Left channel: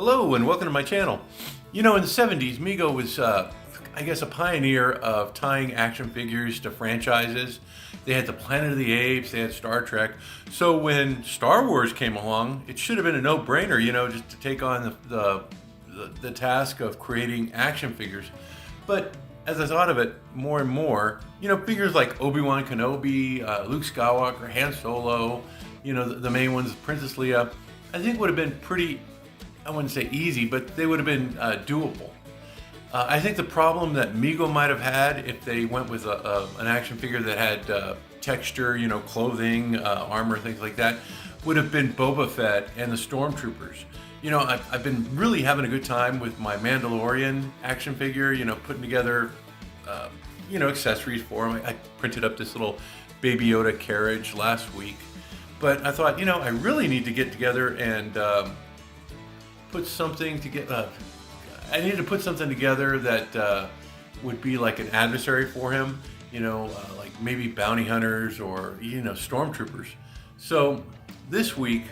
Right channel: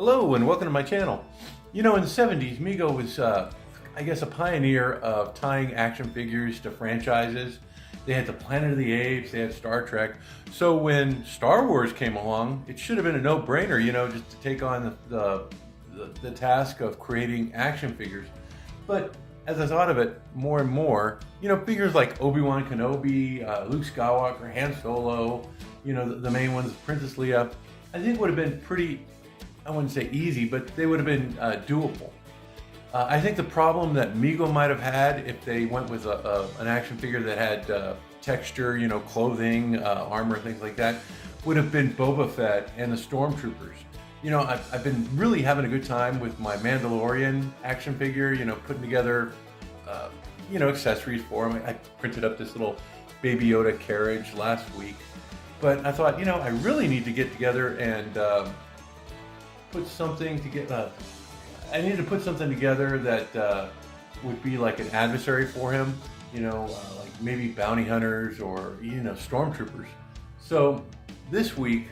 Hello and welcome to my channel. You know, in the 70s, Mego was, I guess, a pioneer of tying action figures to franchises. They had the Planet of the Apes, they had Star Trek. So when Star Wars came along, it should have been a no-brainer, you know, just to take on the task of creating action figures. But as I thought of it more and more, you know, figures like Obi-Wan Kenobi, Luke Skywalker, Han Solo, you know, the main ones, Princess Leia, I think would have been pretty, I wouldn't say easy, but they would have been doable. I think the problem that Mego might have had if they went with an action figure that had texture, you know, clothing, armor, things like that, would have been Boba Fett and the Stormtroopers. You know, I've been really having a good time with my Mandalorian action figure, you know, putting together, you know, accessories for him. I printed up this little Baby Yoda carriage last week. But I thought, you know, I really need to get together and put something together. I needed to put something together that would be like an adversary for him, you know, like maybe bounty hunters or, you know, stormtroopers. So this week,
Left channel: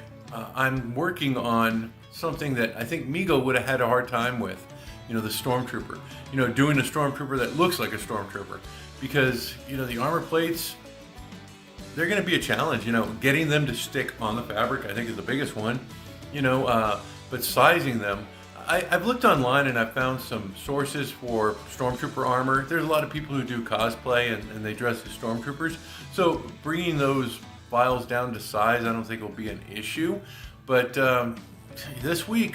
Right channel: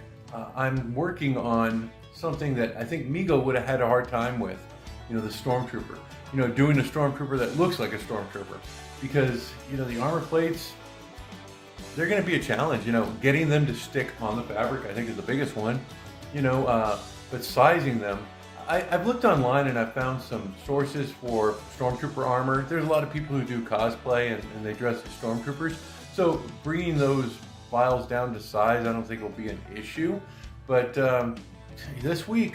I'm working on something that I think Mego would have had a hard time with, you know, the stormtrooper. You know, doing a stormtrooper that looks like a stormtrooper, because, you know, the armor plates, they're going to be a challenge. You know, getting them to stick on the fabric, I think, is the biggest one. You know, but sizing them, I've looked online and I've found some sources for Stormtrooper armor. There's a lot of people who do cosplay and they dress as Stormtroopers. So bringing those files down to size, I don't think will be an issue. But this week,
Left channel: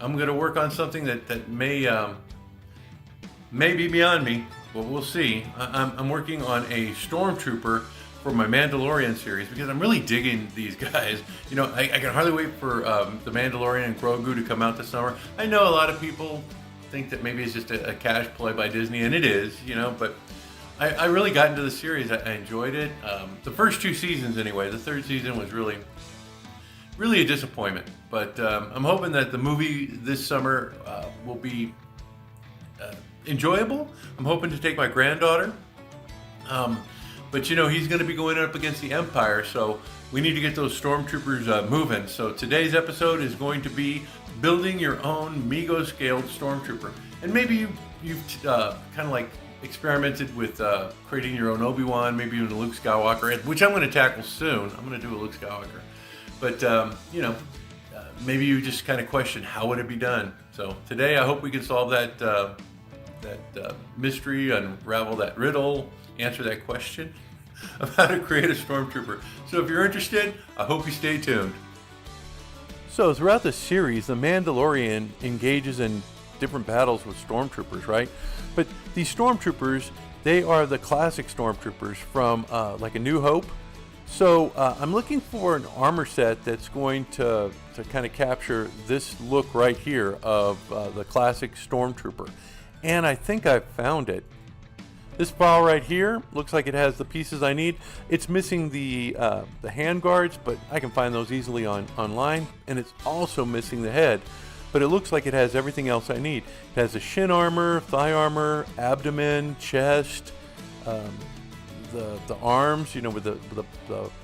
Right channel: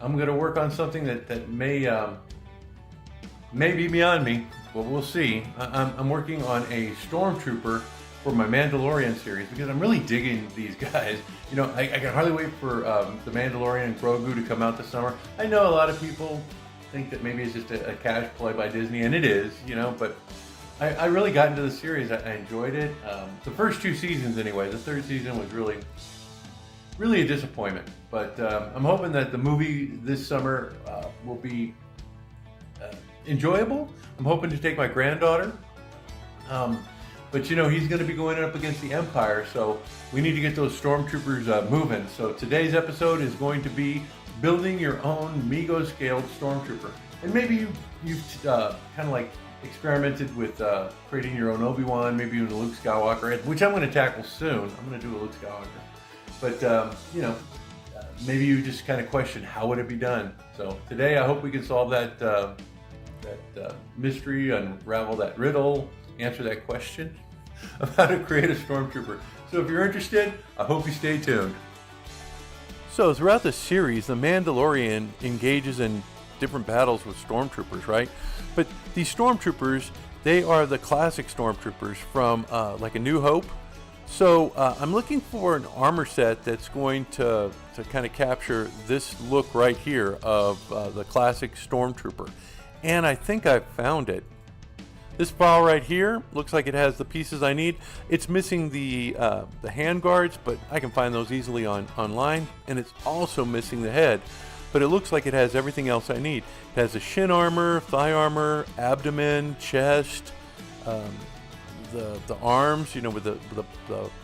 I'm going to work on something that may be beyond me, but we'll see. I'm working on a Stormtrooper for my Mandalorian series, because I'm really digging these guys. You know, I can hardly wait for the Mandalorian and Grogu to come out this summer. I know a lot of people think that maybe it's just a cash play by Disney, and it is, you know, but I really got into the series. I enjoyed it. The first two seasons anyway. The third season was really a disappointment, but I'm hoping that the movie this summer will be enjoyable. I'm hoping to take my granddaughter. But you know, he's going to be going up against the Empire, so we need to get those Stormtroopers moving. So today's episode is going to be building your own Mego-Scaled Stormtrooper. And maybe you've kind of like experimented with creating your own Obi-Wan, maybe even a Luke Skywalker, which I'm going to tackle soon. I'm going to do a Luke Skywalker. But, you know, maybe you just kind of question, how would it be done? So today I hope we can solve that mystery, unravel that riddle, answer that question of how to create a Stormtrooper. So if you're interested, I hope you stay tuned. So throughout the series, the Mandalorian engages in different battles with Stormtroopers, right? But these Stormtroopers, they are the classic Stormtroopers from like A New Hope. So I'm looking for an armor set that's going to kind of capture this look right here of the classic Stormtrooper. And I think I've found it. This file right here looks like it has the pieces I need. It's missing the hand guards, but I can find those easily online. And it's also missing the head, but it looks like it has everything else I need. It has the shin armor, thigh armor, abdomen, chest, the arms, you know, with the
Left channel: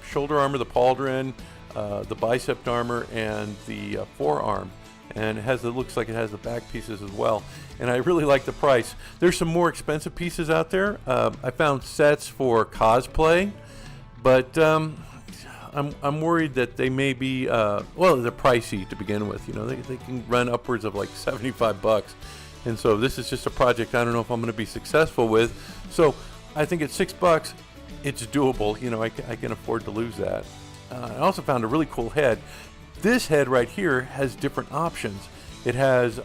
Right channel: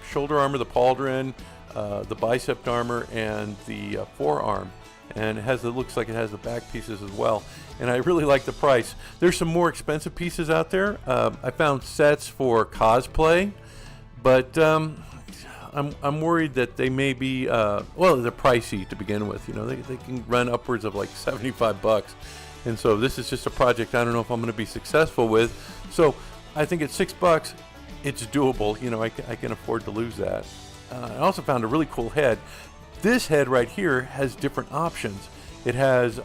shoulder armor, the pauldron, the bicep armor, and the forearm. And it looks like it has the back pieces as well. And I really like the price. There's some more expensive pieces out there. I found sets for cosplay, but I'm worried that they may be, well, they're pricey to begin with. You know, they can run upwards of like $75. And so this is just a project I don't know if I'm going to be successful with. So I think at $6, it's doable. You know, I can afford to lose that. I also found a really cool head. This head right here has different options. It has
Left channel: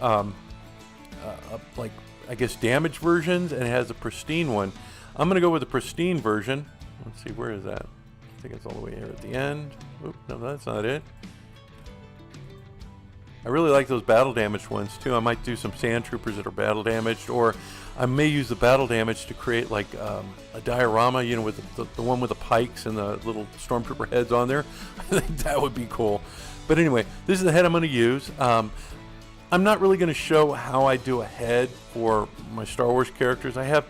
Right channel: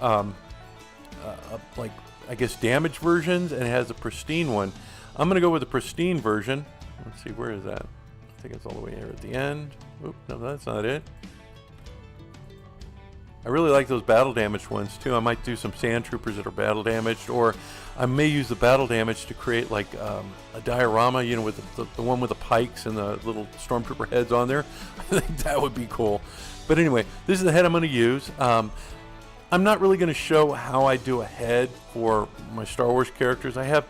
like, I guess, damaged versions, and it has a pristine one. I'm going to go with the pristine version. Let's see, where is that? I think it's all the way here at the end. Oop, no, that's not it. I really like those battle damaged ones too. I might do some sand troopers that are battle damaged, or I may use the battle damage to create like a diorama, you know, with the one with the pikes and the little stormtrooper heads on there. I think that would be cool. But anyway, this is the head I'm going to use. I'm not really going to show how I do a head for my Star Wars characters. I have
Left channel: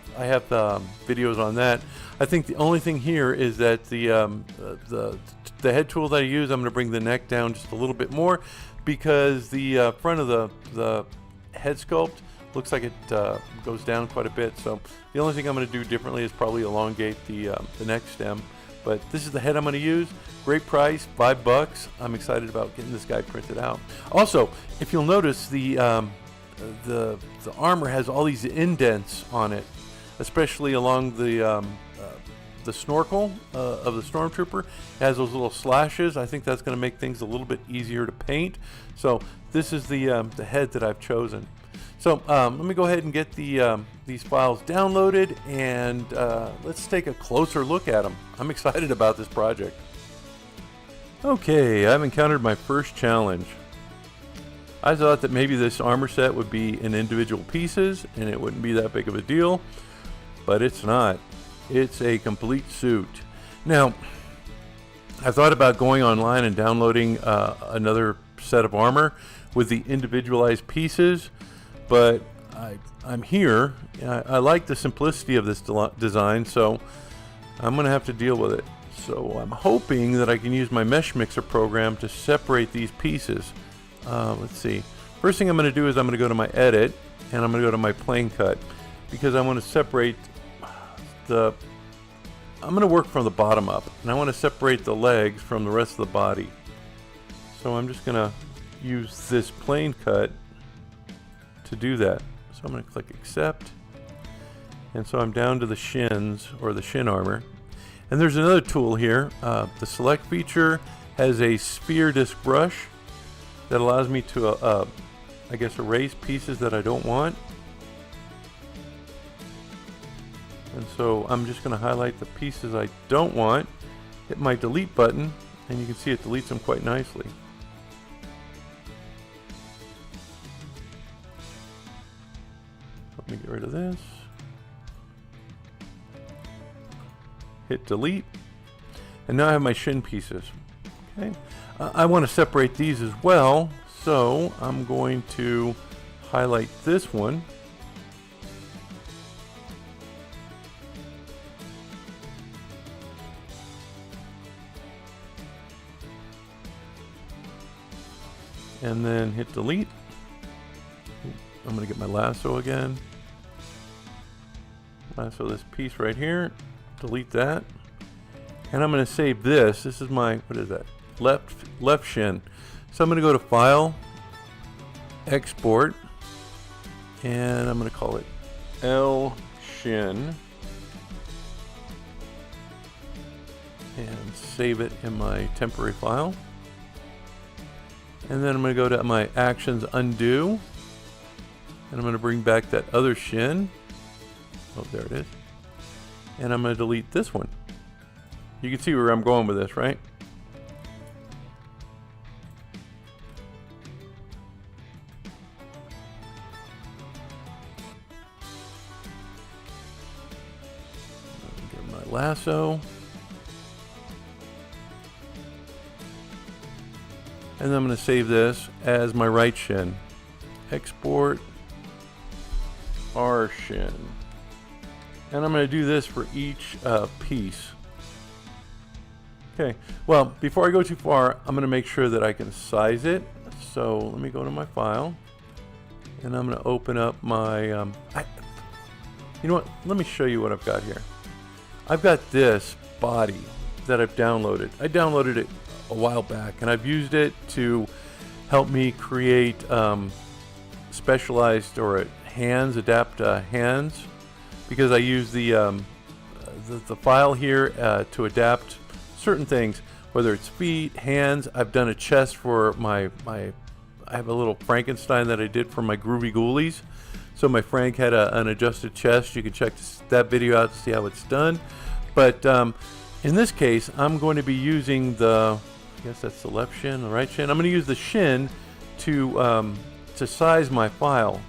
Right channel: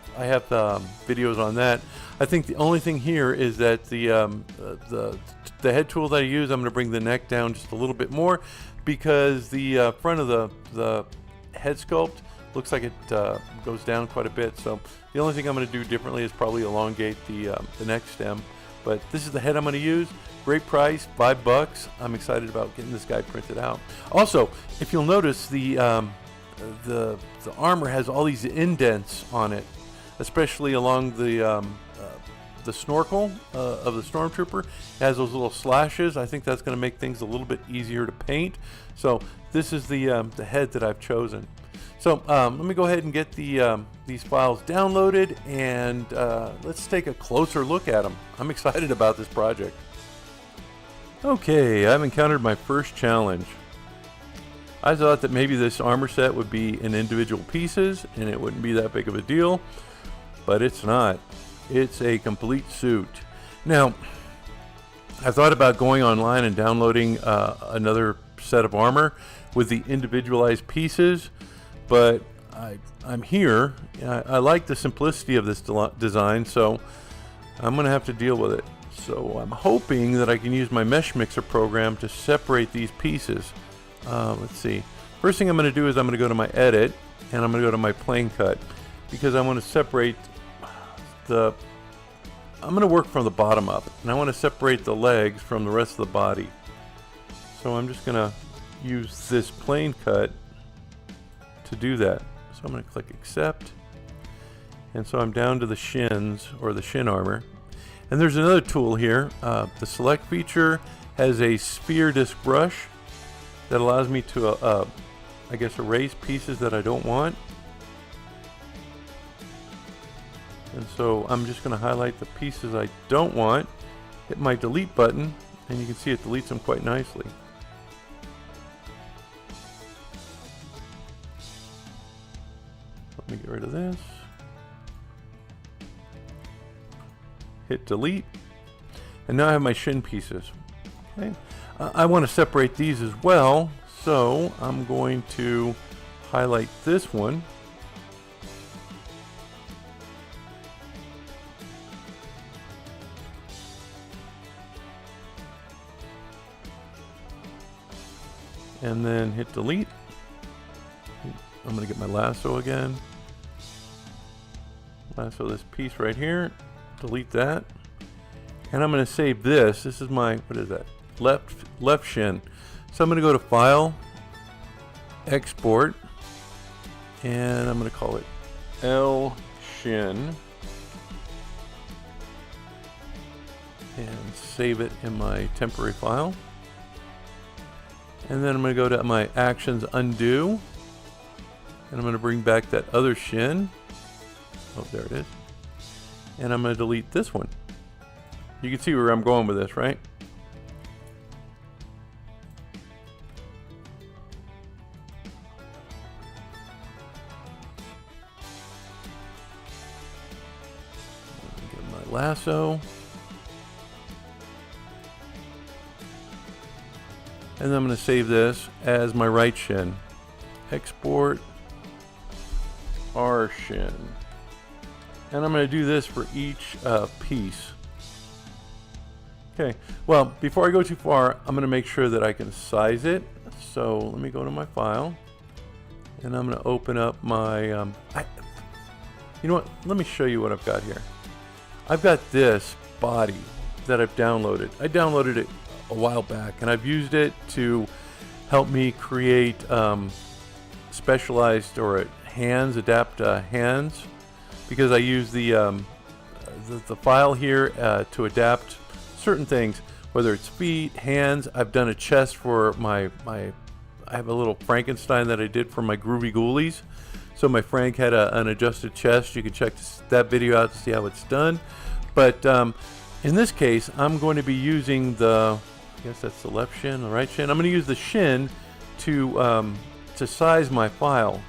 videos on that. I think the only thing here is that the head tool that I use, I'm going to bring the neck down just a little bit more, because the front of the head sculpt looks like it goes down quite a bit. So the only thing I'm going to do differently is probably elongate the neck stem. But this is the head I'm going to use. Great price, $5. I'm excited about getting this guy printed out. Also, if you'll notice, the armor has all these indents on it, especially along the snorkel of the Stormtrooper. It has those little slashes. I think that's going to make things a little bit easier to paint. So this is the head that I've chosen. So let me go ahead and get these files downloaded, and let's take a closer look at them. I'm excited about this project. Okay, I've encountered my first challenge. I thought that maybe this armor set would be in individual pieces and it wouldn't be that big of a deal, but it's not. It's a complete suit. Now, I thought about going online and downloading another set of armor with the individualized pieces, but I'm here. I like the simplicity of this design, so I'm going to have to deal with it. So I'm hoping that I can use my mesh mixer program to separate these pieces. Let's see. First thing I'm going to do is I'm going to go to my edit, and I'm going to go to my plane cut, because I want to separate I'm going to work from the bottom up, and I want to separate the legs from the rest of the body. So I'm just going to use this plane cut to do that. So I'm going to click accept, and so I'm down to the shins, or the shin armor. And there's another tool here. The select feature has a sphere disc brush that allows me to I guess erase pieces that I don't want. And so I'm just going to highlight the pieces I don't want, hit my delete button, and you can see it deletes them quite nicely. Let me get rid of this. Hit delete, and now I have my shin pieces. Okay, I want to separate these as well, so I'm going to highlight this one, and then hit delete. I'm going to get my lasso again, lasso this piece right here, delete that, and I'm going to save this. This is my, what is that, left shin. So I'm going to go to File, Export, and I'm going to call it L shin, and save it in my temporary file. And then I'm going to go to my Actions, Undo, and I'm going to bring back that other shin. Oh, there it is. And I'm going to delete this one. You can see where I'm going with this, right? Get my lasso. And then I'm going to save this as my right shin. Export R shin. And I'm going to do this for each piece. Okay, well, before I go too far, I'm going to make sure that I can size it. So let me go to my file, and I'm going to open up my, you know what, let me show you what I've got here. I've got this body that I've downloaded. I downloaded it a while back, and I've used it to help me create specialized, or hands, adapt hands, because I use the file here to adapt certain things, whether it's feet, hands. I've done a chest for I have a little Frankenstein that I did for my Groovy Ghoulies. So my Frank had an adjusted chest. You can check that video out to see how it's done. But in this case, I'm going to be using I guess that's the left shin, the right shin. I'm going to use the shin to size my file.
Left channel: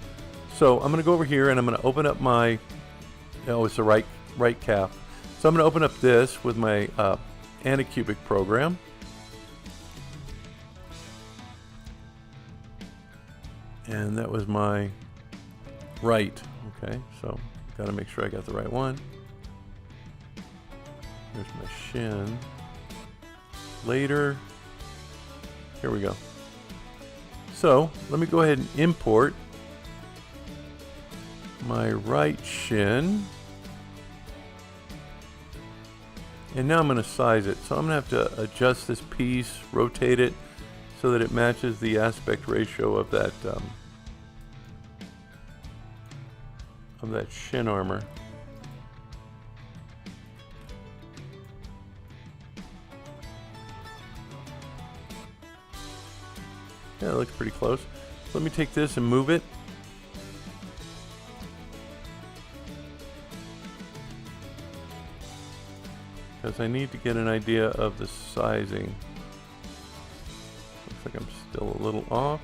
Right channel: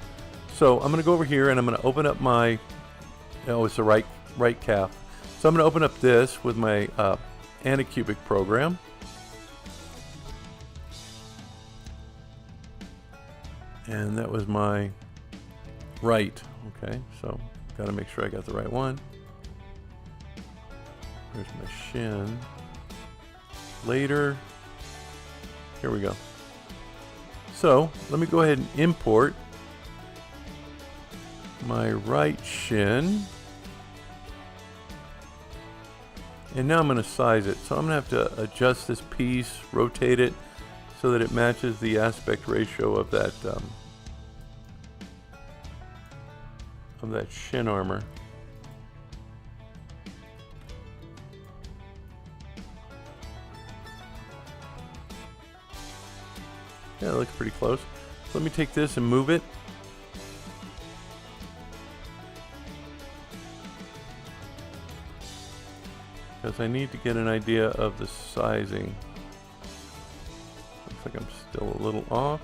So I'm going to go over here and I'm going to open up my, it's the right calf. So I'm going to open up this with my Anycubic program. And that was my right. Okay, so got to make sure I got the right one. There's my shin. Later. Here we go. So let me go ahead and import my right shin. And now I'm going to size it. So I'm going to have to adjust this piece, rotate it so that it matches the aspect ratio of that shin armor. Yeah, it looks pretty close. So let me take this and move it. Because I need to get an idea of the sizing. Looks like I'm still a little off.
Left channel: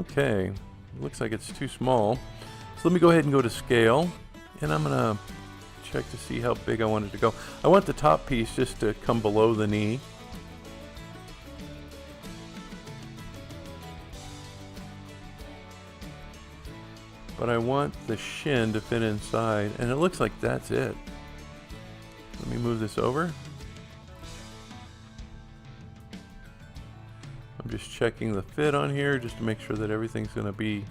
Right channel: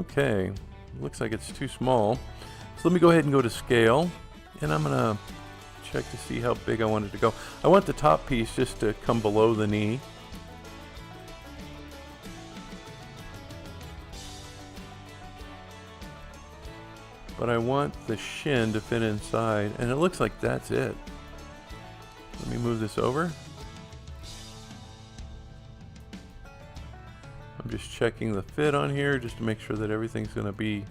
Okay, looks like it's too small. So let me go ahead and go to scale, and I'm gonna check to see how big I want it to go. I want the top piece just to come below the knee. But I want the shin to fit inside, and it looks like that's it. Let me move this over. I'm just checking the fit on here just to make sure that everything's going to be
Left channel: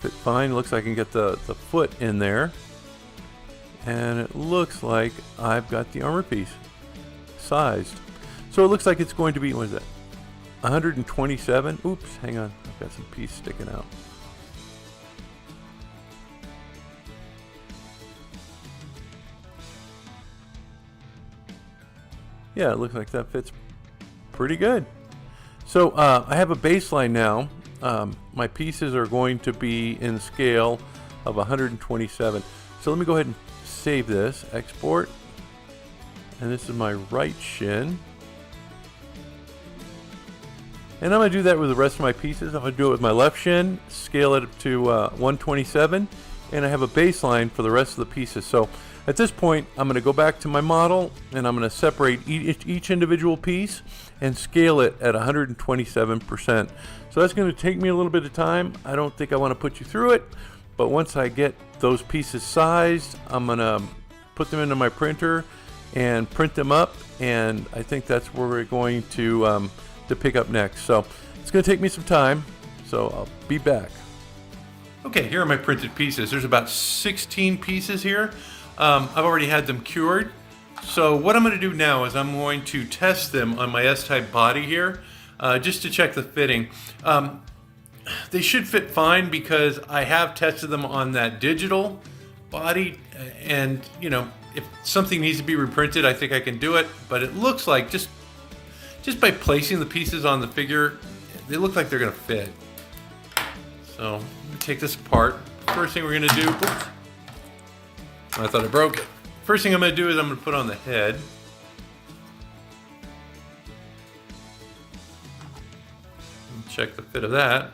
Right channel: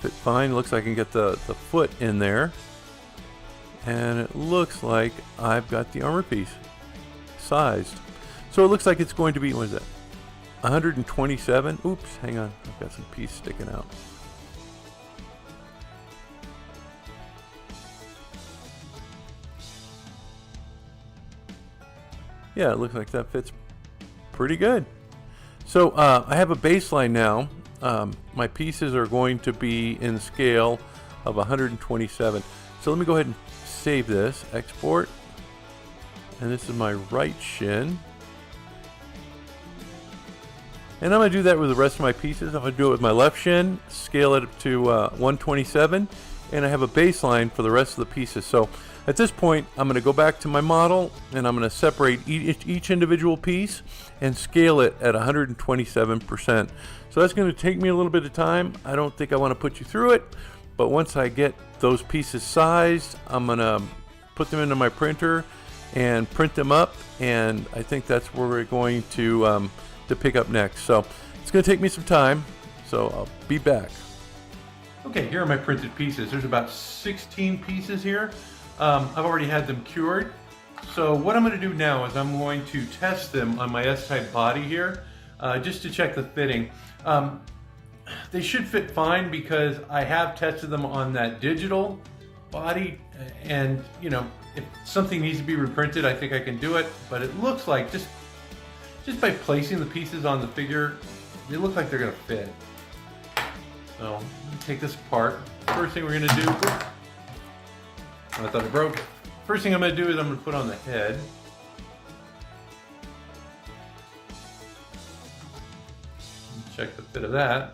fit fine. Looks like I can get the foot in there, and it looks like I've got the armor piece sized. So it looks like it's going to be, what is that, 127. Oops, hang on, I've got some piece sticking out. Yeah, it looks like that fits pretty good. So I have a baseline now. My pieces are going to be in scale of 127. So let me go ahead and save this, export. And this is my right shin. And I'm going to do that with the rest of my pieces. I'm going to do it with my left shin, scale it up to 127, and I have a baseline for the rest of the pieces. So at this point, I'm going to go back to my model, and I'm going to separate each individual piece and scale it at 127%. So that's going to take me a little bit of time. I don't think I want to put you through it, but once I get those pieces sized, I'm going to put them into my printer and print them up, and I think that's where we're going to pick up next. So it's going to take me some time, so I'll be back. Okay, here are my printed pieces. There's about 16 pieces here. I've already had them cured. So what I'm going to do now is I'm going to test them on my S-type body here, just to check the fitting. They should fit fine because I have tested them on that digital body, and you know, if something needs to be reprinted, I think I can do it. But it looks like just by placing the pieces on the figure, they look like they're going to fit. So let me take this apart. First thing we're going to do, oops, I thought I broke it. First thing I'm going to do is I'm going to put on the head. Check the fit of that.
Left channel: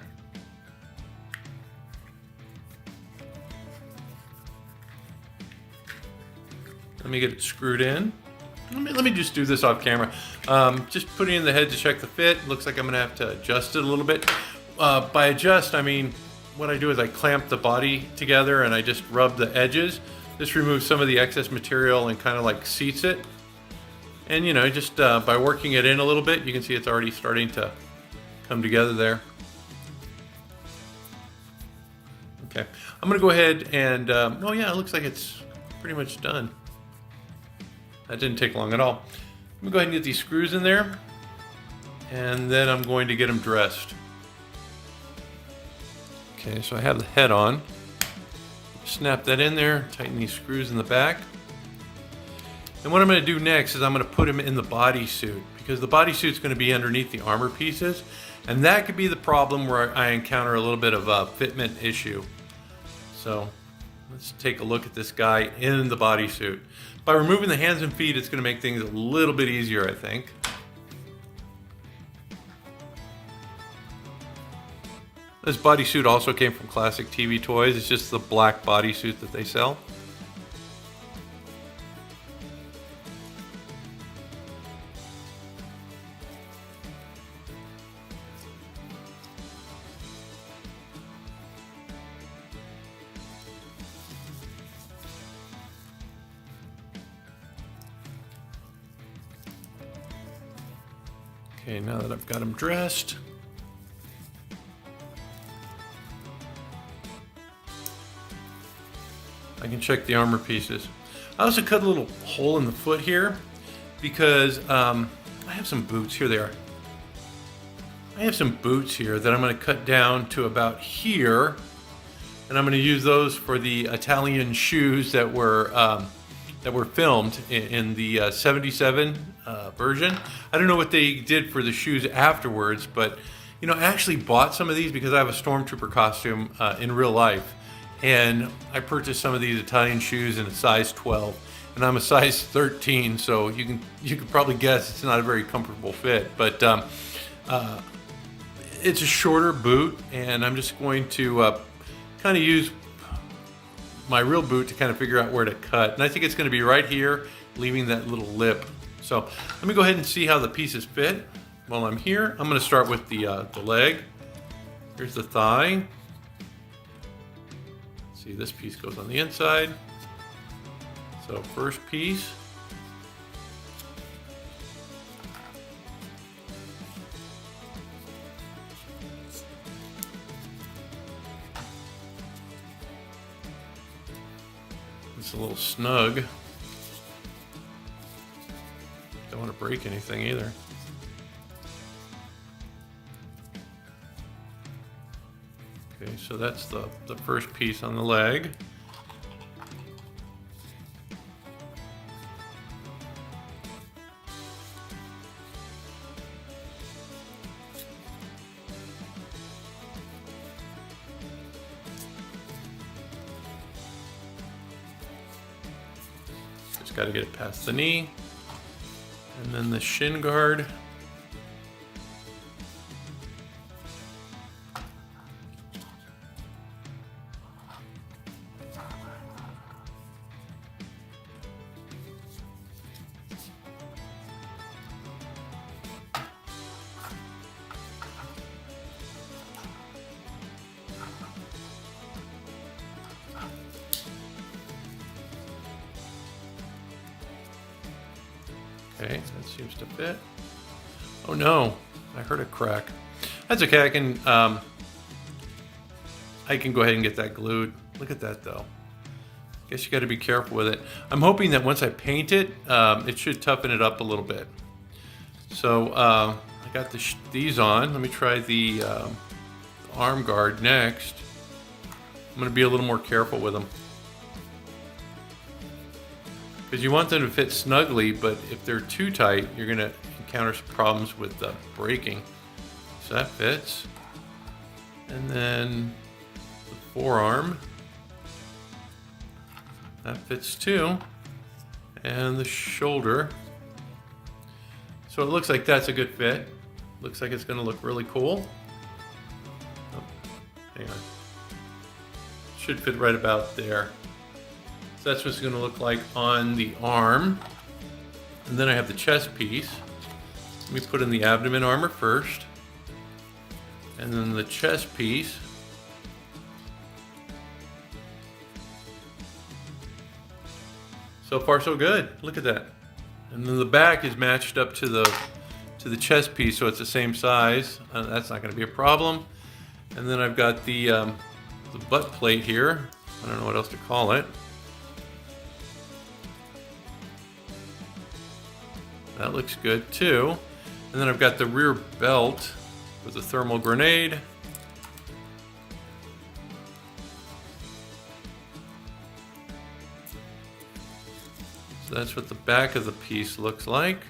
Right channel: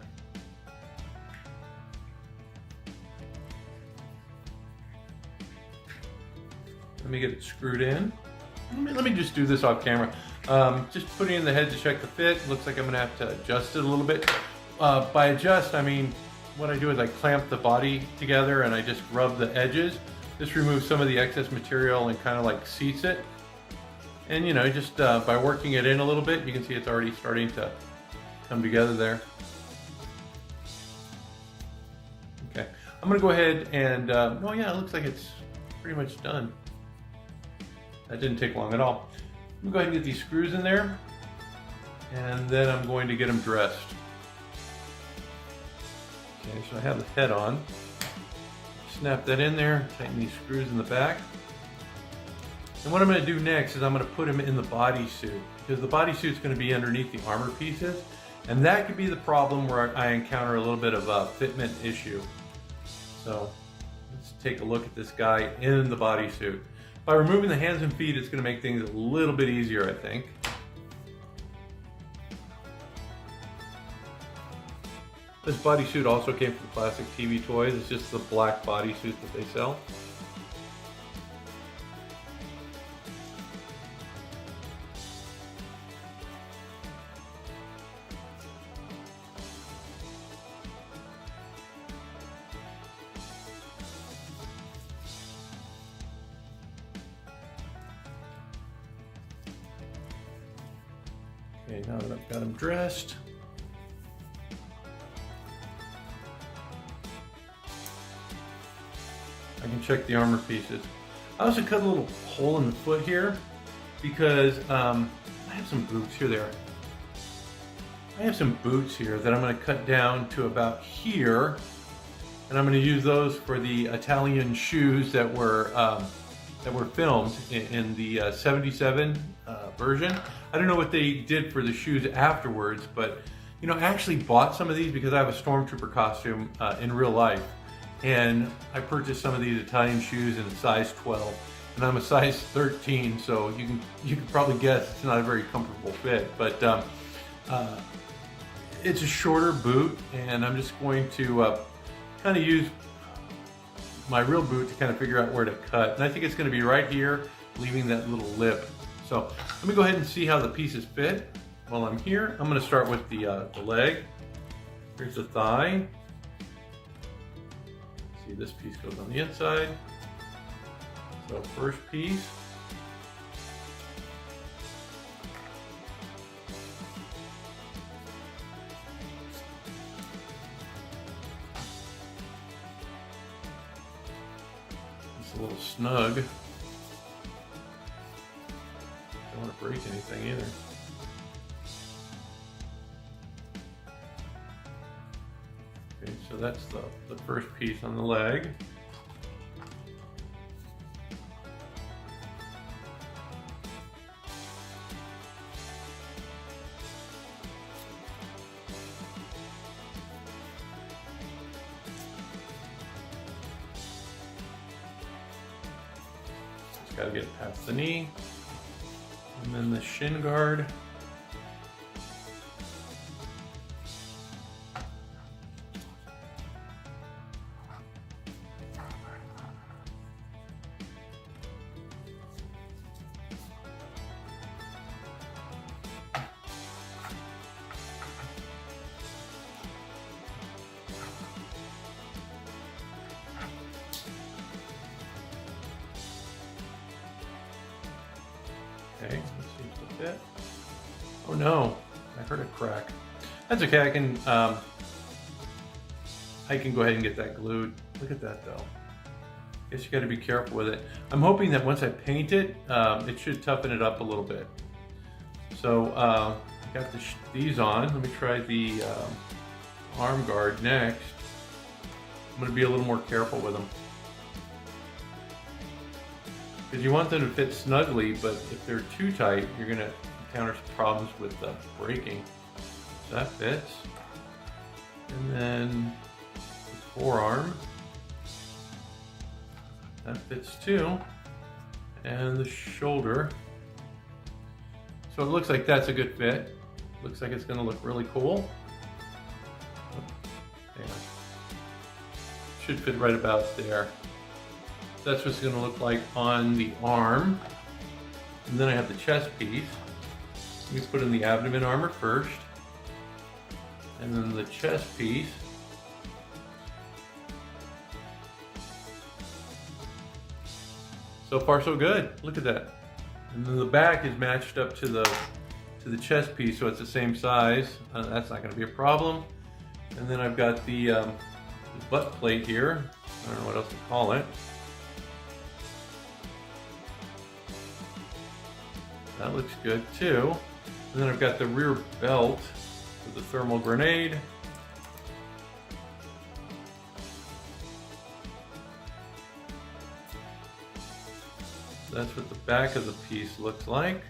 Let me get it screwed in. Let me just do this off camera. Just putting in the head to check the fit. Looks like I'm going to have to adjust it a little bit. By adjust, I mean, what I do is I clamp the body together and I just rub the edges. This removes some of the excess material and kind of like seats it. And you know, just by working it in a little bit, you can see it's already starting to come together there. Okay, I'm gonna go ahead and, oh yeah, it looks like it's pretty much done. That didn't take long at all. Let me go ahead and get these screws in there, and then I'm going to get them dressed. Okay, so I have the head on. Snap that in there, tighten these screws in the back. And what I'm going to do next is I'm going to put him in the bodysuit, because the bodysuit is going to be underneath the armor pieces, and that could be the problem where I encounter a little bit of a fitment issue. So let's take a look at this guy in the bodysuit. By removing the hands and feet, it's going to make things a little bit easier, I think. This bodysuit also came from Classic TV Toys. It's just the black bodysuit that they sell. Okay, now that I've got them dressed, I can check the armor pieces. I also cut a little hole in the foot here because I have some boots. Here they are. I have some boots here that I'm going to cut down to about here, and I'm going to use those for the Italian shoes that were filmed in the 77 version. I don't know what they did for the shoes afterwards, but you know, I actually bought some of these because I have a Stormtrooper costume in real life, and I purchased some of these Italian shoes in a size 12, and I'm a size 13, so you can probably guess it's not a very comfortable fit, but it's a shorter boot, and I'm just going to kind of use my real boot to kind of figure out where to cut. And I think it's going to be right here, leaving that little lip. So let me go ahead and see how the pieces fit. While I'm here, I'm going to start with the leg. Here's the thigh. See, this piece goes on the inside. So first piece. It's a little snug. Don't want to break anything either. Okay, so that's the first piece on the leg. Just got to get it past the knee. And then the shin guard. Okay, that seems to fit. Oh no, I heard a crack. That's okay, I can go ahead and get that glued. Look at that though. Guess you got to be careful with it. I'm hoping that once I paint it, it should toughen it up a little bit. So I got these on. Let me try the arm guard next. I'm going to be a little more careful with them, because you want them to fit snugly, but if they're too tight, you're going to encounter some problems with breaking. So that fits. And then the forearm, that fits too. And the shoulder. So it looks like that's a good fit. Looks like it's going to look really cool. Oh, hang on. Should fit right about there. So that's what it's going to look like on the arm. And then I have the chest piece. Let me put in the abdomen armor first. And then the chest piece. So far so good. Look at that. And then the back is matched up to the chest piece, so it's the same size. That's not going to be a problem. And then I've got the butt plate here. I don't know what else to call it. That looks good too. And then I've got the rear belt with the thermal grenade. So that's what the back of the piece looks like.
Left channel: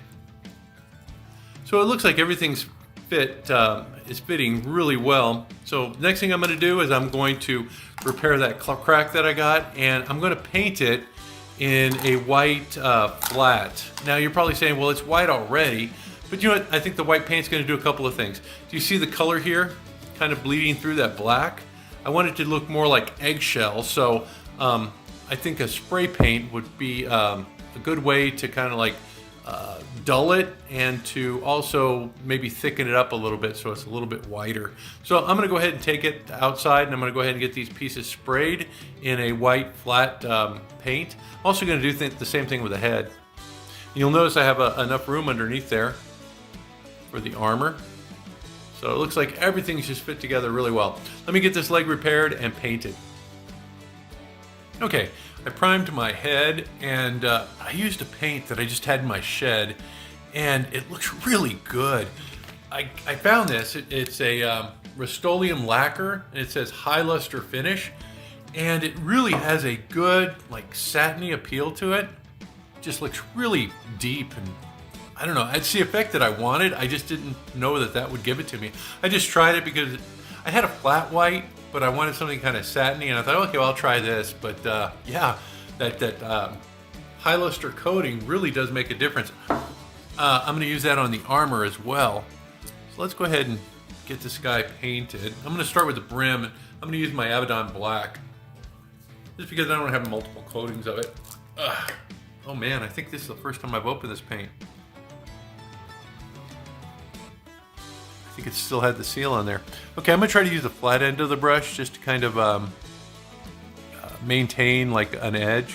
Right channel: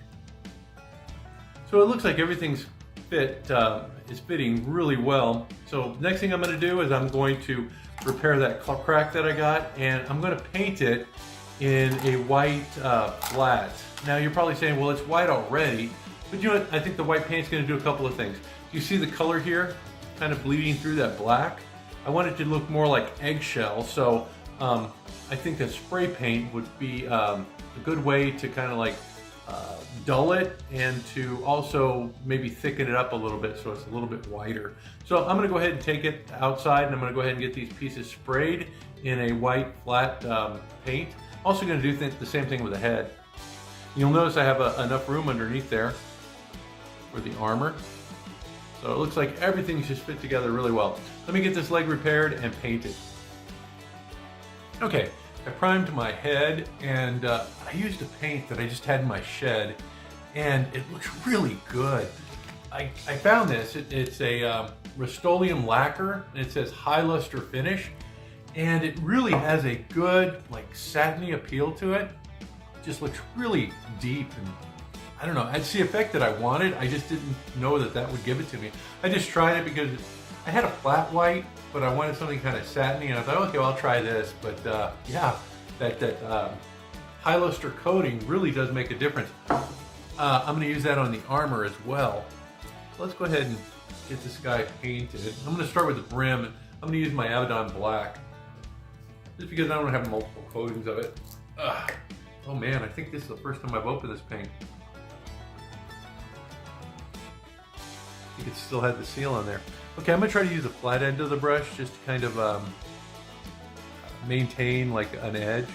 So it looks like everything's is fitting really well. So next thing I'm going to do is I'm going to repair that crack that I got, and I'm going to paint it in a white flat. Now you're probably saying, well, it's white already, but you know what? I think the white paint's going to do a couple of things. Do you see the color here? kind of bleeding through that black. I want it to look more like eggshell, so I think a spray paint would be a good way to kind of like dull it and to also maybe thicken it up a little bit so it's a little bit whiter. So I'm going to go ahead and take it outside, and I'm going to go ahead and get these pieces sprayed in a white flat paint. I'm also going to do the same thing with the head. You'll notice I have enough room underneath there for the armor. So it looks like everything's just fit together really well. Let me get this leg repaired and painted. Okay, I primed my head, and I used a paint that I just had in my shed, and it looks really good. I found this. It's a Rust-Oleum lacquer, and it says high luster finish, and it really has a good like satiny appeal to it. Just looks really deep, and I don't know, it's the effect that I wanted. I just didn't know that would give it to me. I just tried it because I had a flat white, but I wanted something kind of satiny, and I thought, okay, well, I'll try this. But yeah, that high luster coating really does make a difference. I'm going to use that on the armor as well. So let's go ahead and get this guy painted. I'm going to start with the brim, and I'm going to use my Abaddon black, just because I don't have multiple coatings of it. Oh man, I think this is the first time I've opened this paint. I think it still had the seal on there. Okay, I'm going to try to use the flat end of the brush just to kind of maintain like an edge.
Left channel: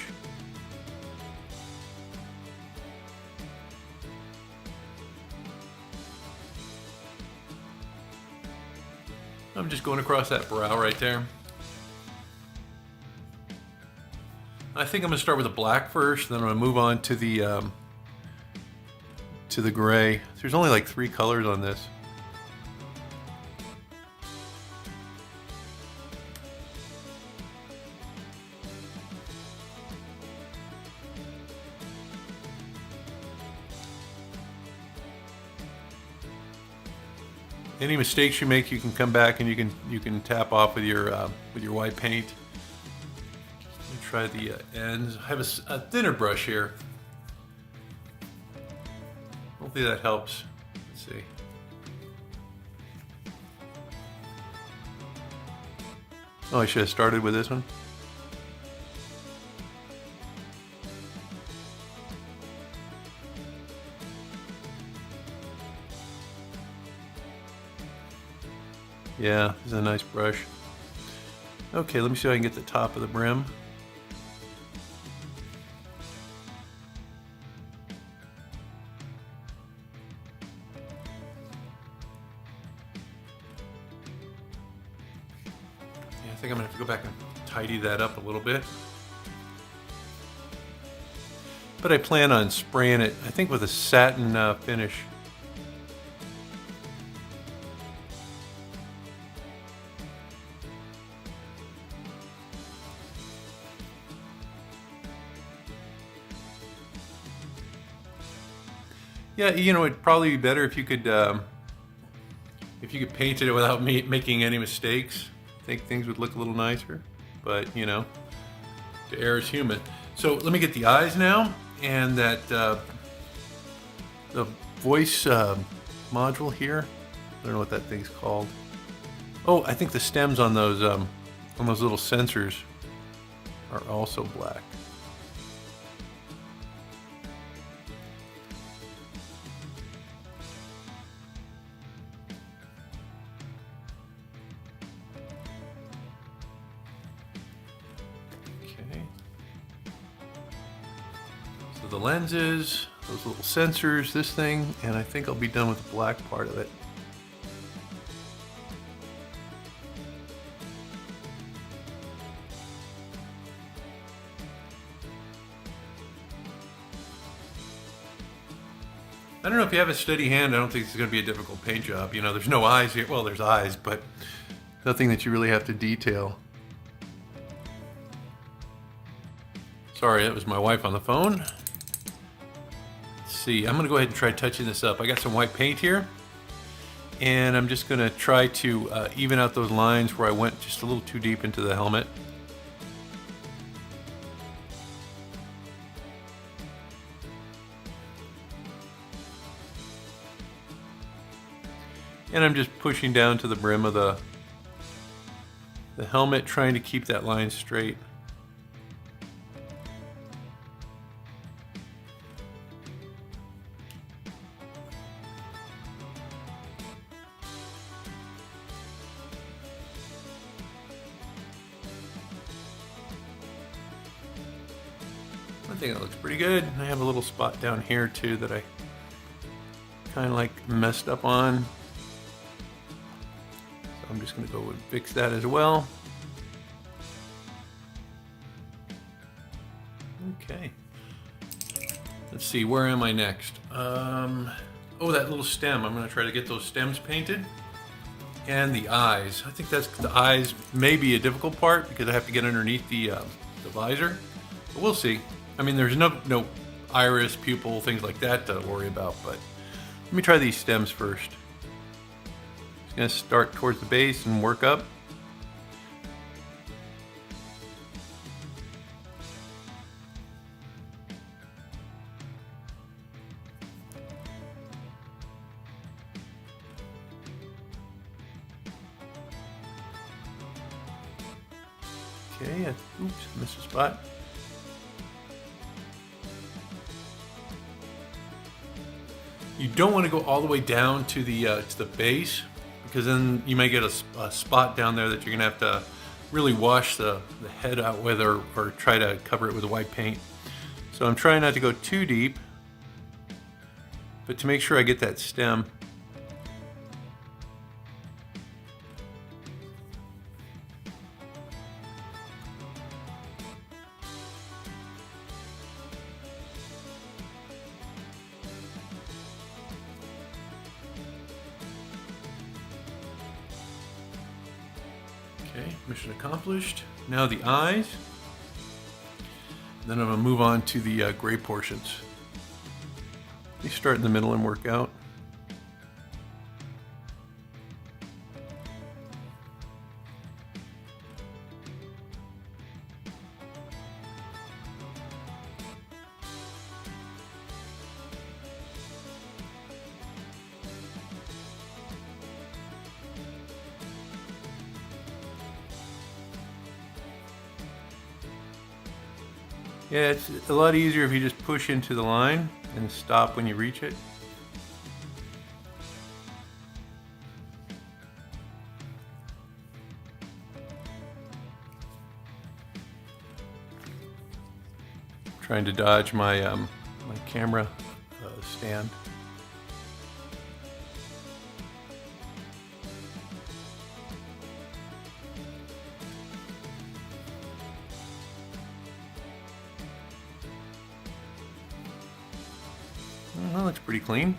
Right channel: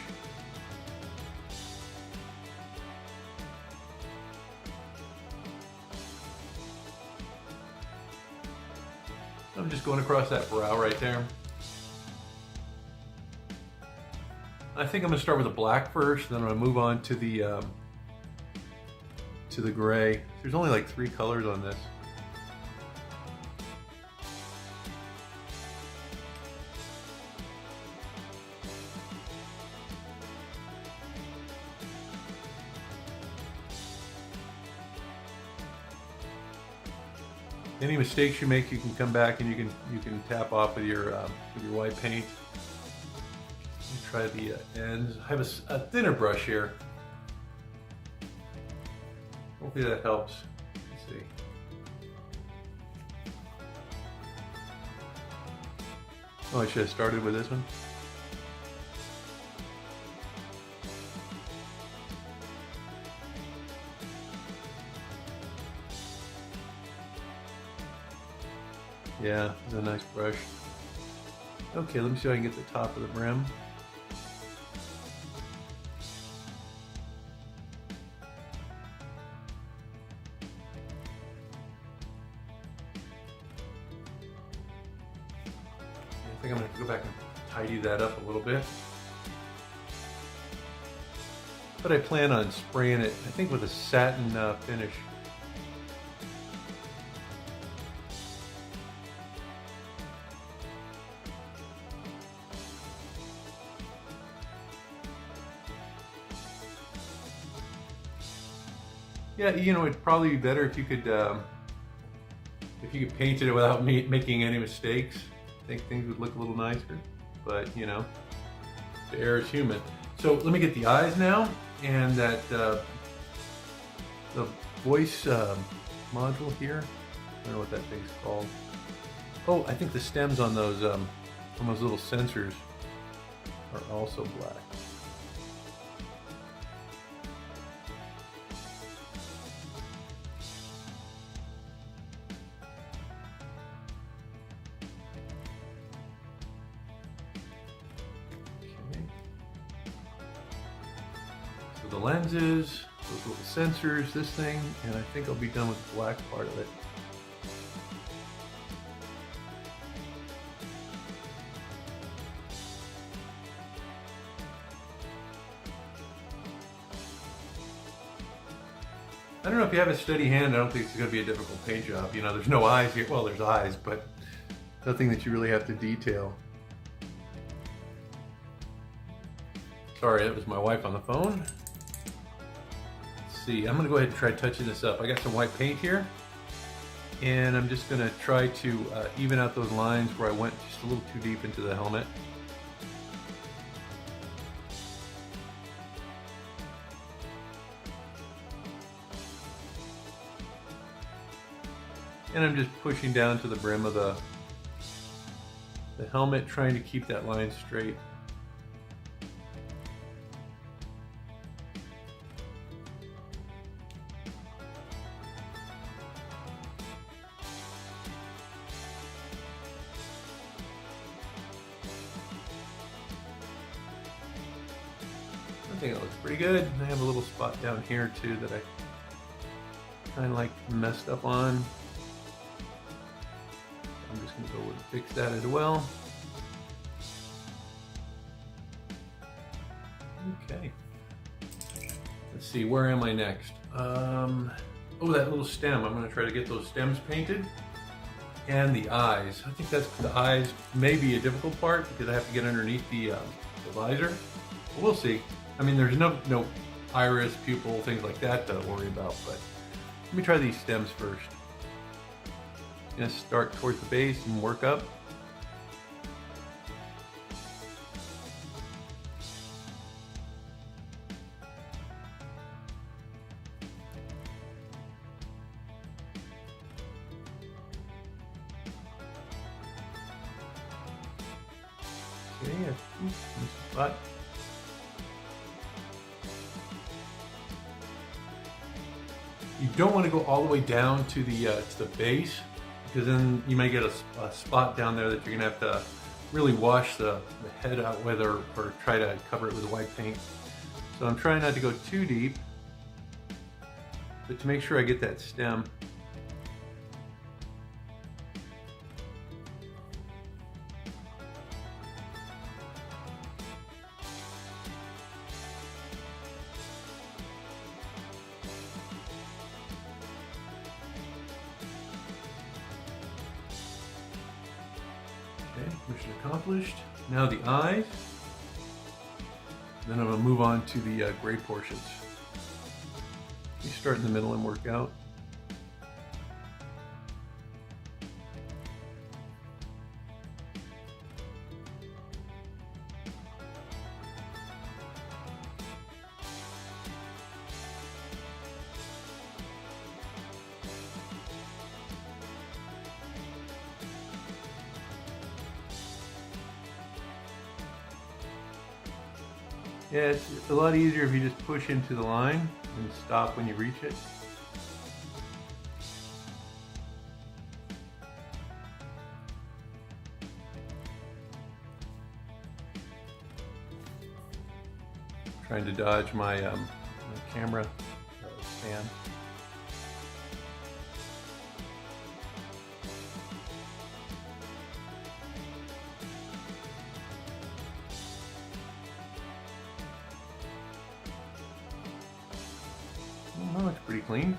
I'm just going across that brow right there. I think I'm going to start with the black first, then I'm going to move on to the gray. There's only like 3 colors on this. Any mistakes you make, you can come back and you can tap off with your white paint. Try the ends. I have a thinner brush here. Hopefully that helps. Let's see. Oh, I should have started with this one. Yeah, this is a nice brush. Okay, let me see if I can get the top of the brim. I think I'm gonna have to go back and tidy that up a little bit. But I plan on spraying it, I think, with a satin finish. Yeah, you know, it'd probably be better if you could paint it without making any mistakes. I think things would look a little nicer, but you know, the error is human. So let me get the eyes now, and that the voice module here. I don't know what that thing's called. Oh, I think the stems on those little sensors are also black. The lenses, those little sensors, this thing, and I think I'll be done with the black part of it. I don't know if you have a steady hand, I don't think it's going to be a difficult paint job. You know, there's no eyes here. Well, there's eyes, but nothing that you really have to detail. Sorry, that was my wife on the phone. See, I'm going to go ahead and try touching this up. I got some white paint here, and I'm just going to try to even out those lines where I went just a little too deep into the helmet. And I'm just pushing down to the brim of the the helmet, trying to keep that line straight. I think it looks pretty good. I have a little spot down here too that I kind of like messed up on. I'm just going to go and fix that as well. Okay. Let's see, where am I next? Oh, that little stem. I'm going to try to get those stems painted. And the eyes. I think that's the eyes may be a difficult part because I have to get underneath the visor. But we'll see. I mean, there's no iris, pupil, things like that to worry about. But let me try these stems first. Going to start towards the base and work up. Okay, oops, missed a spot. You don't want to go all the way down to the base, because then you may get a spot down there that you're gonna have to really wash the head out with, or try to cover it with white paint. So I'm trying not to go too deep, but to make sure I get that stem. Okay, mission accomplished. Now the eyes. Then I'm going to move on to the gray portions. You start in the middle and work out. Yeah, it's a lot easier if you just push into the line and stop when you reach it. Trying to dodge my my camera stand. Well, that's pretty clean.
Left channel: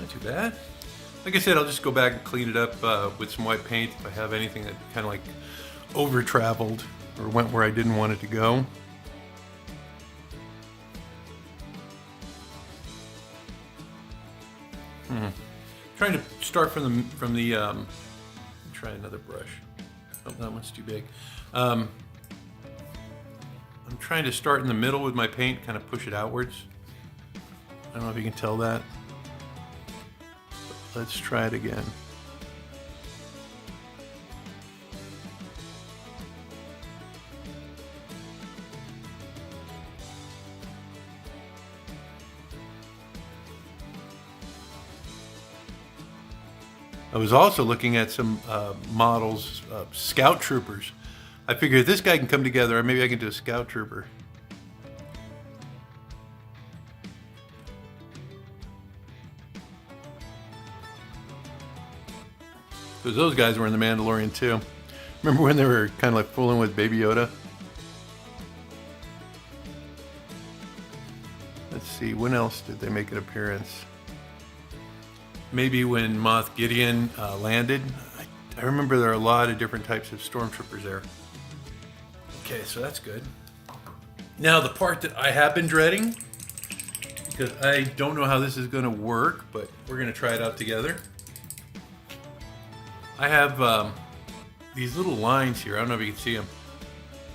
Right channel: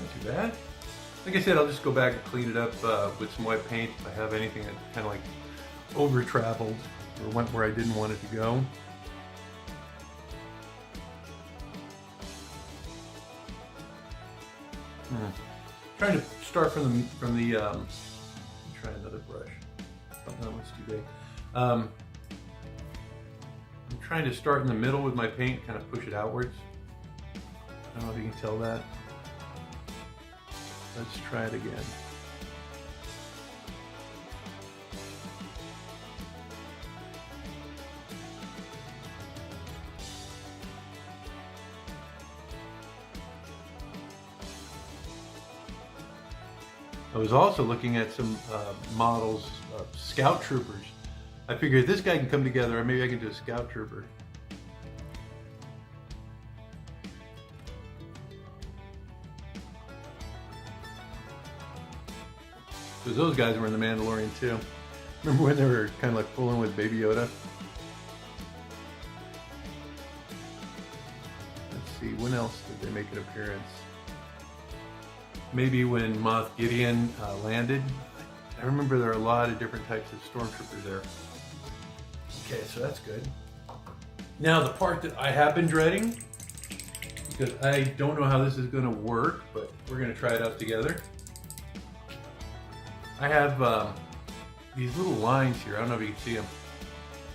Not too bad. Like I said, I'll just go back and clean it up with some white paint if I have anything that kind of like over-traveled or went where I didn't want it to go. Trying to start from the try another brush. Oh, that one's too big. I'm trying to start in the middle with my paint, kind of push it outwards. I don't know if you can tell that. Let's try it again. I was also looking at some models, Scout Troopers. I figured if this guy can come together, maybe I can do a Scout Trooper. Because those guys were in The Mandalorian too. Remember when they were kind of like fooling with Baby Yoda? Let's see, when else did they make an appearance? Maybe when Moff Gideon landed. I remember there are a lot of different types of Stormtroopers there. Okay, so that's good. Now the part that I have been dreading, because I don't know how this is going to work, but we're going to try it out together. I have these little lines here. I don't know if you can see them,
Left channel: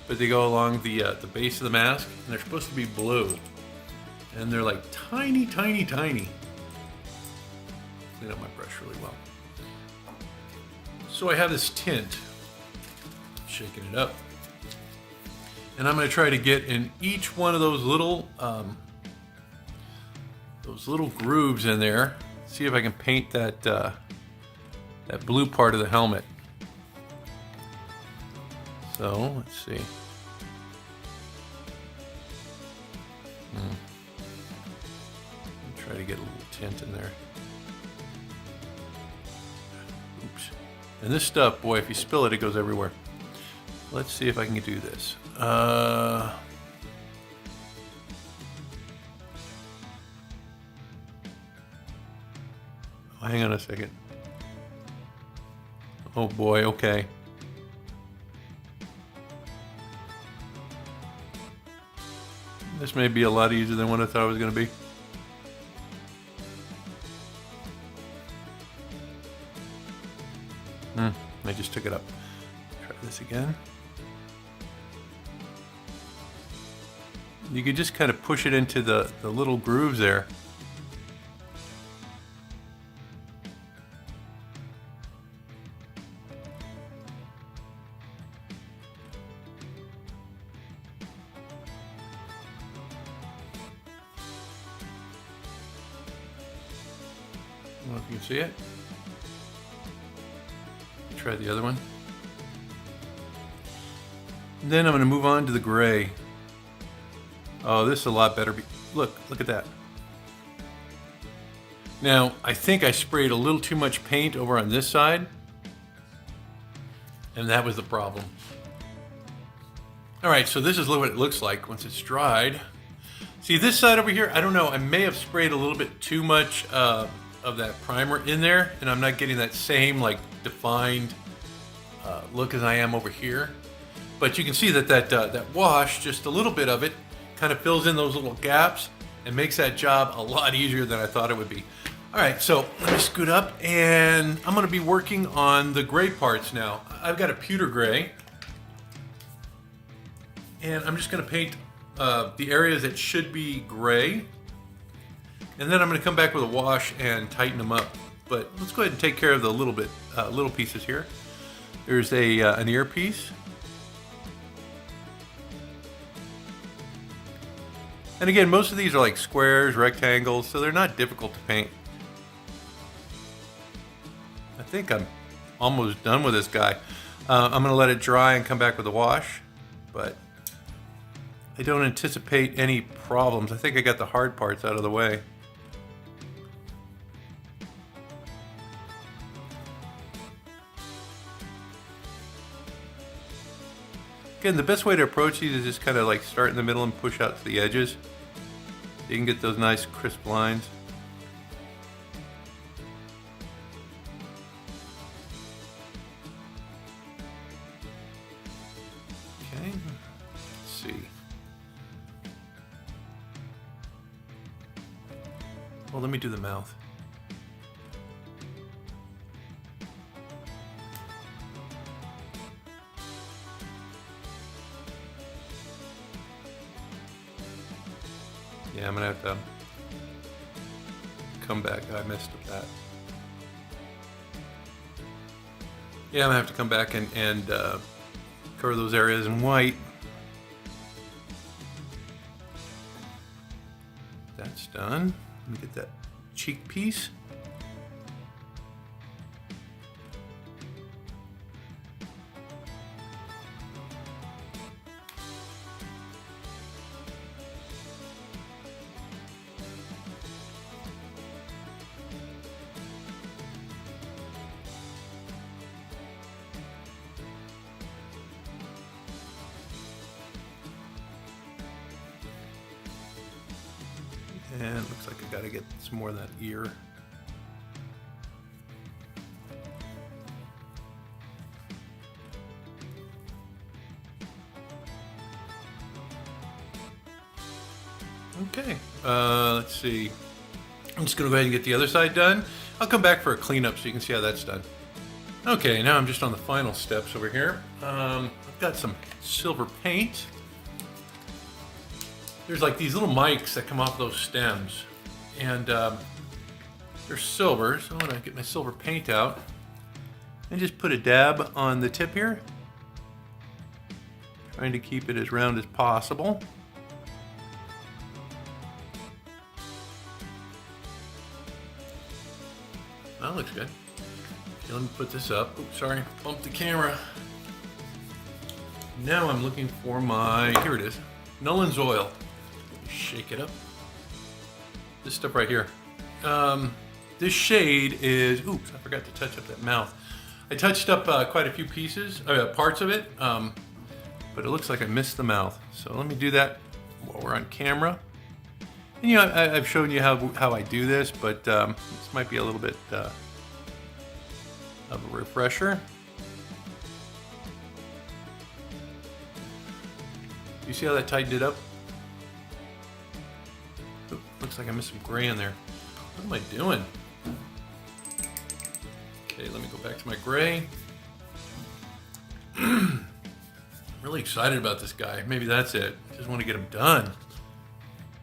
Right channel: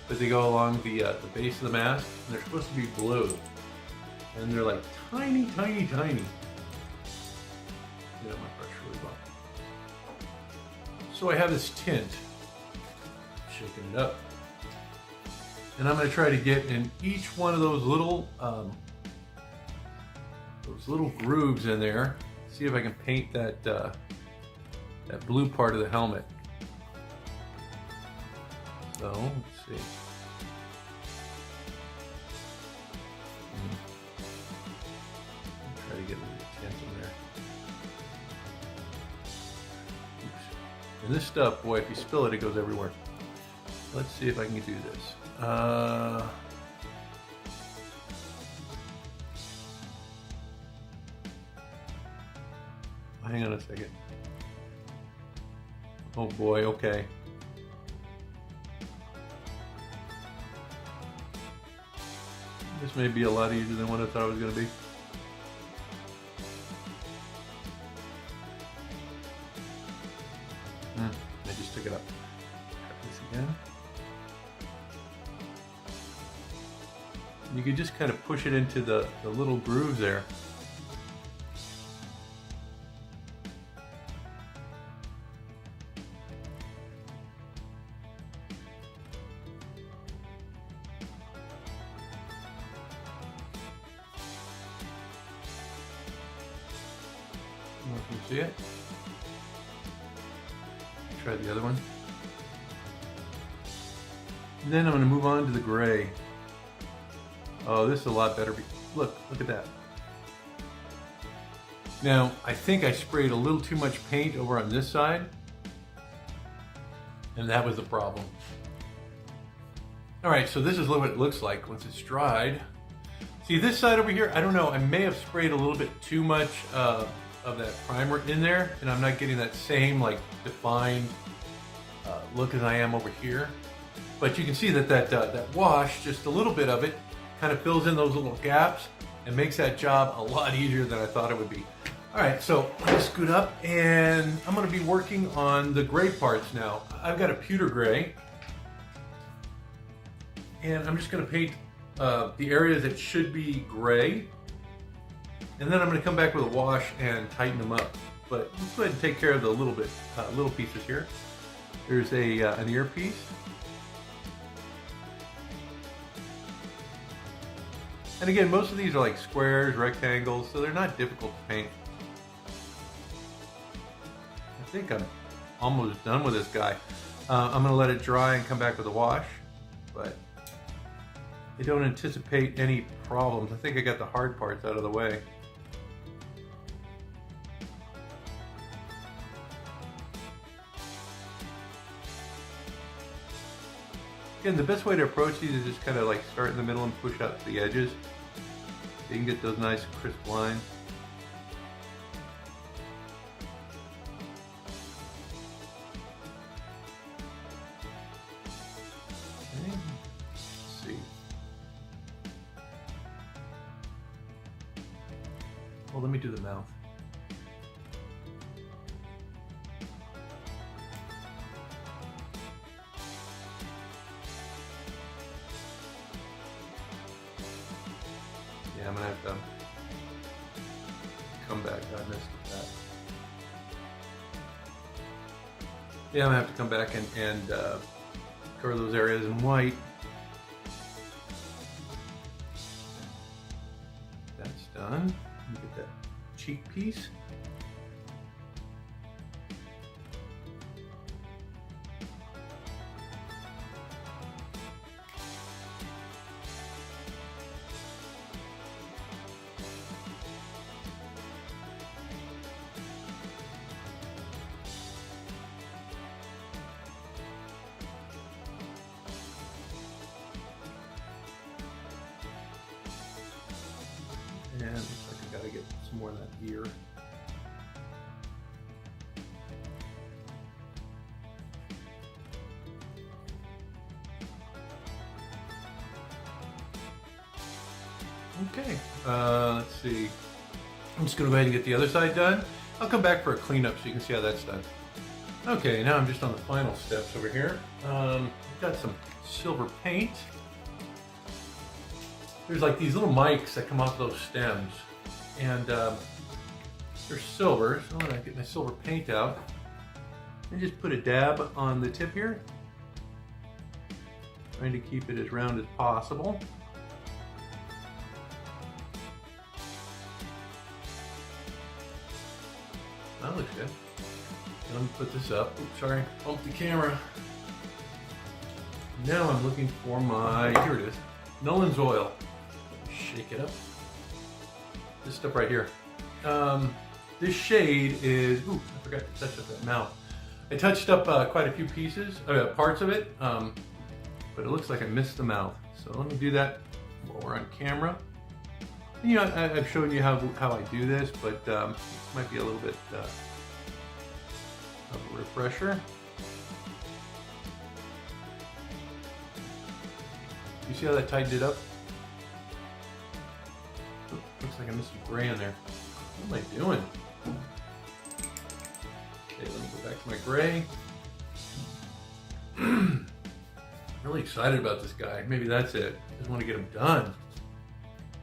but they go along the base of the mask, and they're supposed to be blue, and they're like tiny, tiny, tiny. Clean up my brush really well. So I have this tint, shaking it up, and I'm going to try to get in each one of those little grooves in there. See if I can paint that that blue part of the helmet. So let's see. Try to get a little tint in there. Oops. And this stuff, boy, if you spill it, it goes everywhere. Let's see if I can do this. Hang on a second. Oh boy, okay. This may be a lot easier than what I thought it was going to be. I just took it up. Try this again. You can just kind of push it into the little grooves there. I don't know if you can see it. Try the other one. And then I'm going to move on to the gray. Oh, this is a lot better. Look at that. Now, I think I sprayed a little too much paint over on this side, and that was the problem. All right, so this is what it looks like once it's dried. See this side over here? I don't know. I may have sprayed a little bit too much of that primer in there, and I'm not getting that same like defined look as I am over here. But you can see that that wash, just a little bit of it, kind of fills in those little gaps and makes that job a lot easier than I thought it would be. All right, so let me scoot up, and I'm going to be working on the gray parts now. I've got a pewter gray, and I'm just going to paint the areas that should be gray, and then I'm going to come back with a wash and tighten them up. But let's go ahead and take care of the little pieces here. There's an earpiece. And again, most of these are like squares, rectangles, so they're not difficult to paint. I think I'm almost done with this guy. I'm going to let it dry and come back with a wash, but I don't anticipate any problems. I think I got the hard parts out of the way. Again, the best way to approach these is just kind of like start in the middle and push out to the edges. You can get those nice crisp lines. Okay, let's see. Well, let me do the mouth. Yeah, I'm gonna have to come back. I missed that. Yeah, I'm gonna have to come back and cover those areas in white. That's done. Let me get that cheek piece. And it looks like I gotta get some more of that ear. Okay, let's see. I'm just gonna go ahead and get the other side done. I'll come back for a cleanup so you can see how that's done. Okay, now I'm just on the final steps over here. I've got some silver paint. There's like these little mics that come off those stems, and they're silver, so I'm gonna get my silver paint out and just put a dab on the tip here, trying to keep it as round as possible. That looks good. Let me put this up. Oops, sorry, bumped the camera. Now I'm looking for my, here it is, Nolan's oil. Shake it up. This stuff right here. This shade is, oops, I forgot to touch up that mouth. I touched up quite a few pieces, parts of it, but it looks like I missed the mouth. So let me do that while we're on camera. And, you know, I've shown you how I do this, but this might be a little bit of a refresher. You see how that tightened it up? Ooh, looks like I missed some gray in there. What am I doing? Okay, let me go back to my gray. I'm really excited about this guy. Maybe that's it. Just want to get him done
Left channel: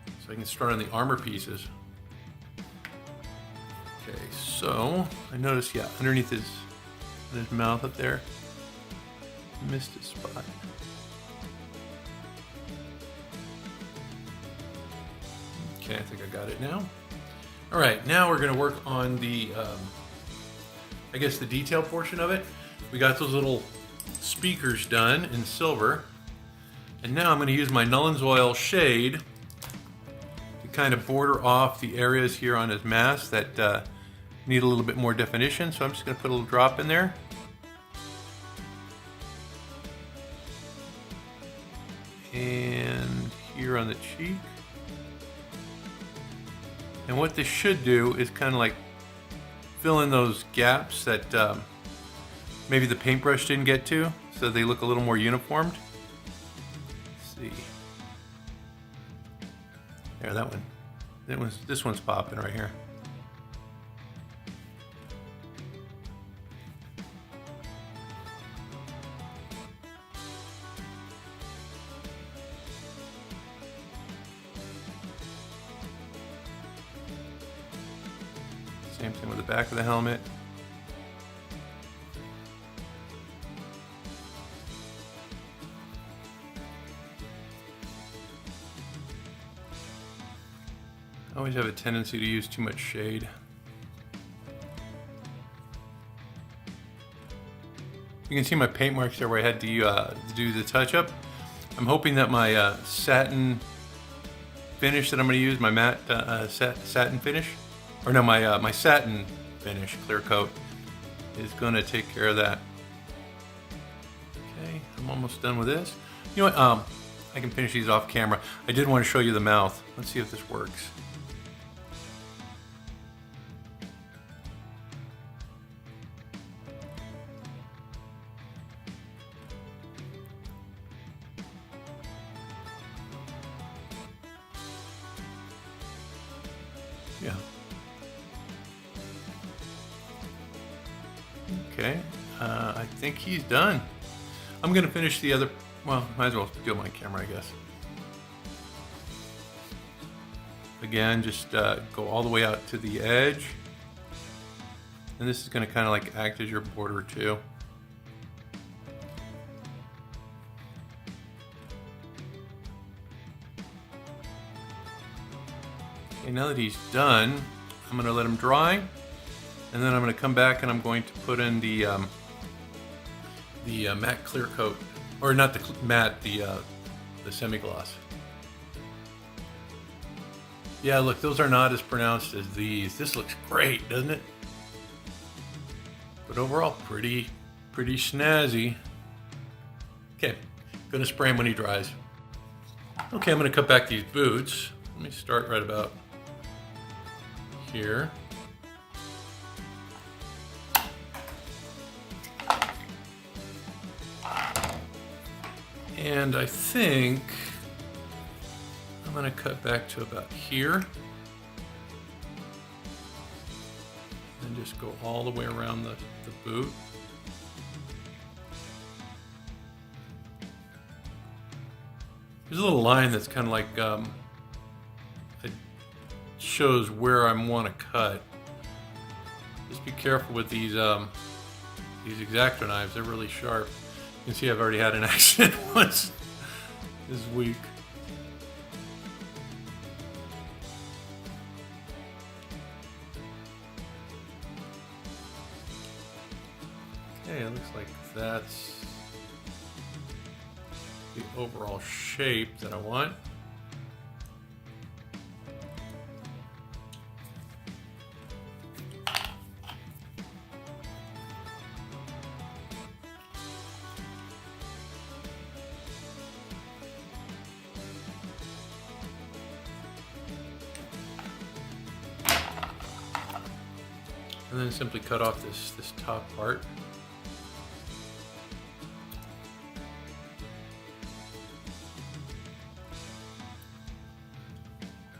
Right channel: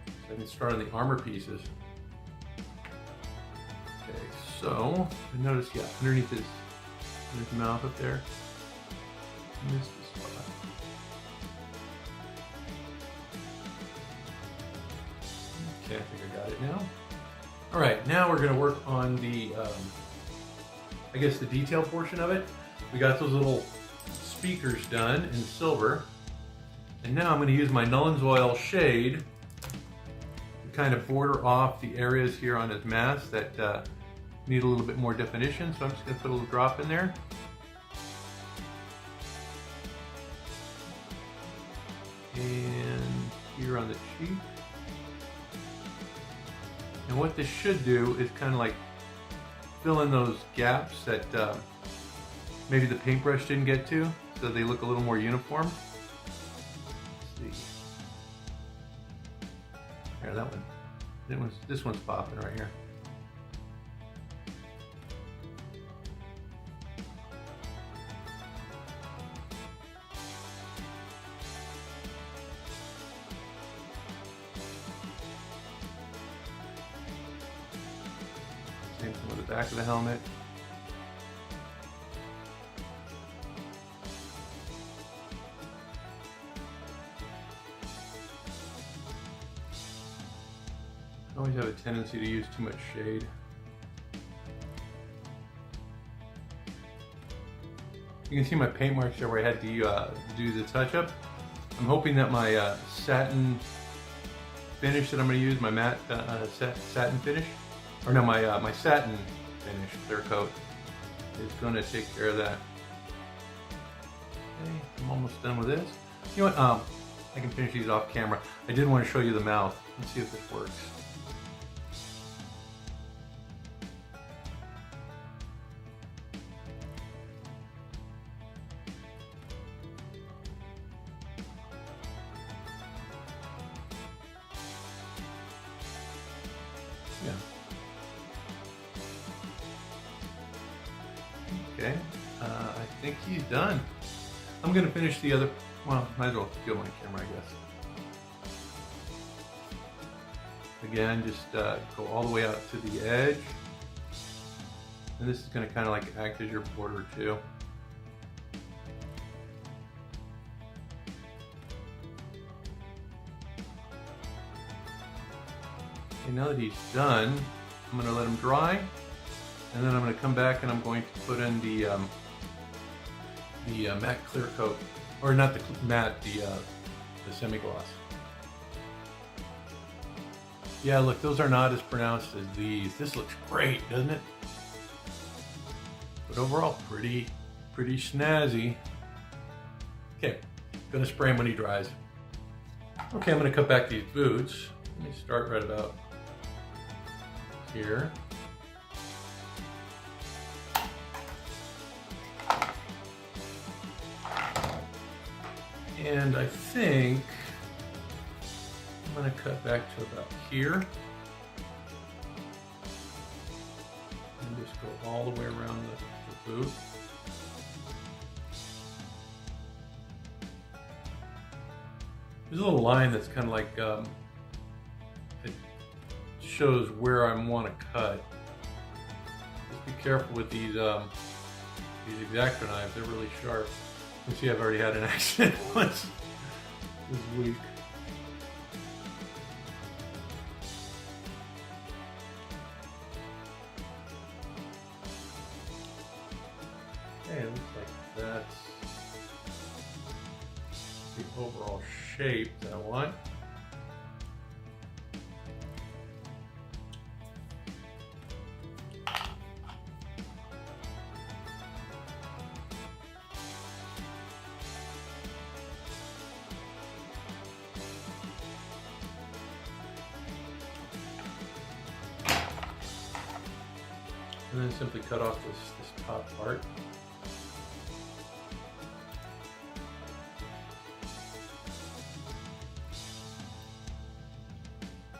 so I can start on the armor pieces. Okay, so I noticed, yeah, underneath his mouth up there, I missed a spot. Okay, I think I got it now. All right, now we're gonna work on the, I guess the detail portion of it. We got those little speakers done in silver. And now I'm gonna use my Nolan's Oil shade to kind of border off the areas here on his mask that need a little bit more definition. So I'm just gonna put a little drop in there. And here on the cheek. And what this should do is kind of like fill in those gaps that maybe the paintbrush didn't get to, so they look a little more uniformed. Let's see. There, that one. This one's popping right here. Same thing with the back of the helmet. I always have a tendency to use too much shade. You can see my paint marks there where I had to do the touch-up. I'm hoping that my satin finish that I'm going to use, my matte satin finish, or no, my satin finish, clear coat, is going to take care of that. Okay, I'm almost done with this. You know what? I can finish these off camera. I did want to show you the mouth. Let's see if this works. Yeah. Okay, I think he's done. I'm gonna finish the other, well, might as well do it on camera, I guess. Again, just go all the way out to the edge. And this is gonna kind of like act as your border too. Okay, now that he's done, I'm gonna let him dry. And then I'm going to come back and I'm going to put in the matte clear coat, or not the matte, the semi-gloss. Yeah, look, those are not as pronounced as these. This looks great, doesn't it? But overall, pretty snazzy. Okay, gonna spray him when he dries. Okay, I'm gonna cut back these boots. Let me start right about here. And I think I'm going to cut back to about here and just go all the way around the boot. There's a little line that's kind of like, it shows where I want to cut. Just be careful with these X-Acto knives. They're really sharp. You can see I've already had an accident once this week. Okay, it looks like that's the overall shape that I want. And then simply cut off this top part.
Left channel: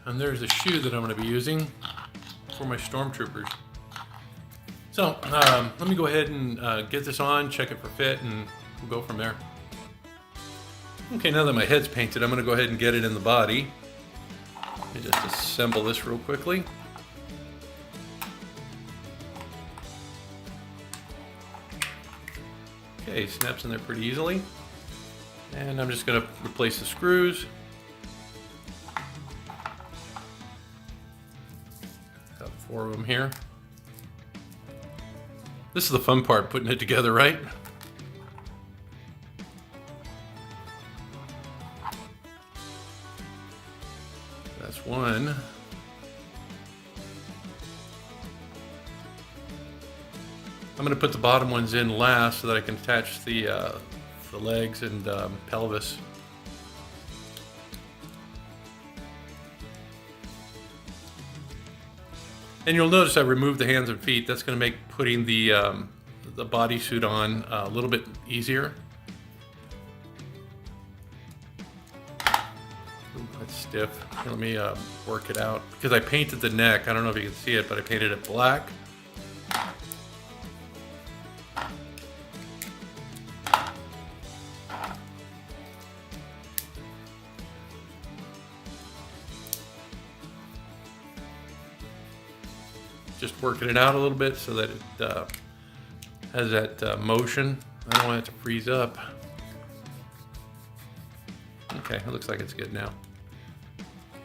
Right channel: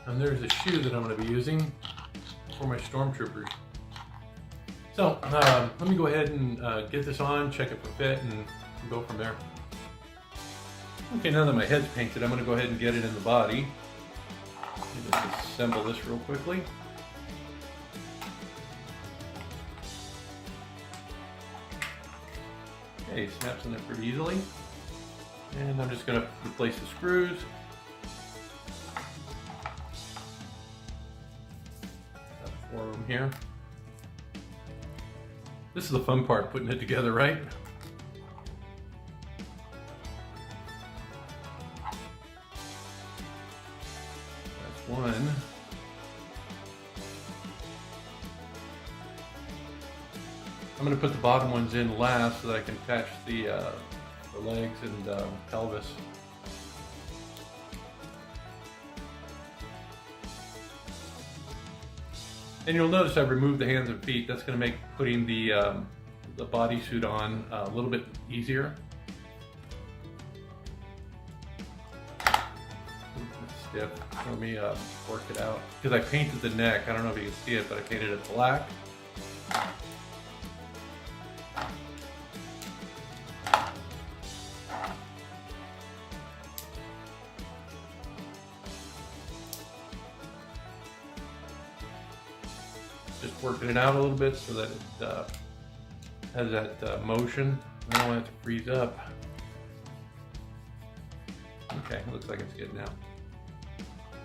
And there's a shoe that I'm going to be using for my Stormtroopers. So let me go ahead and get this on, check it for fit, and we'll go from there. Okay, now that my head's painted, I'm going to go ahead and get it in the body. Let me just assemble this real quickly. Okay, snaps in there pretty easily. And I'm just going to replace the screws. Got 4 of them here. This is the fun part, putting it together, right? That's one. I'm going to put the bottom ones in last so that I can attach the legs and pelvis. And you'll notice I removed the hands and feet. That's going to make putting the bodysuit on a little bit easier. It's stiff. Let me work it out. Because I painted the neck. I don't know if you can see it, but I painted it black. Just working it out a little bit so that it has that motion. I don't want it to freeze up. Okay, it looks like it's good now.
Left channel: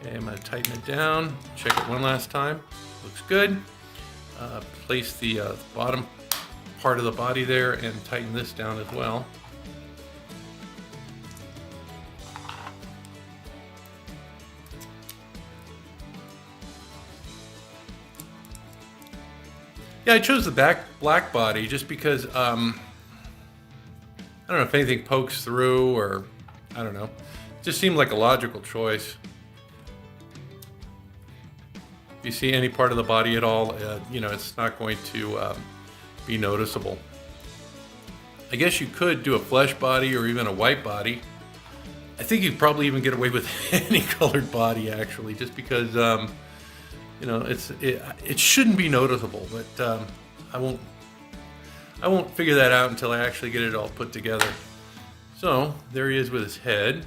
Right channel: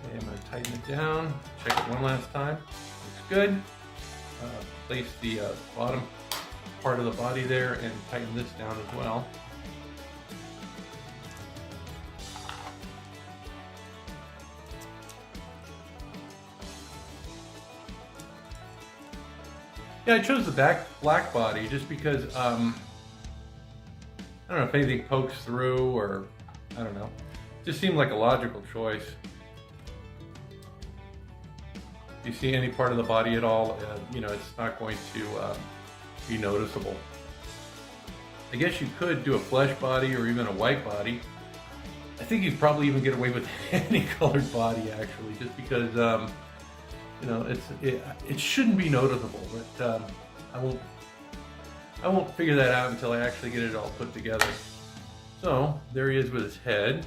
Okay, I'm going to tighten it down. Check it one last time. Looks good. Place the bottom part of the body there and tighten this down as well. Yeah, I chose the black body just because, I don't know if anything pokes through or, I don't know. It just seemed like a logical choice. If you see any part of the body at all, you know, it's not going to be noticeable. I guess you could do a flesh body or even a white body. I think you'd probably even get away with any colored body, actually, just because, you know, it shouldn't be noticeable, but I won't figure that out until I actually get it all put together. So there he is with his head,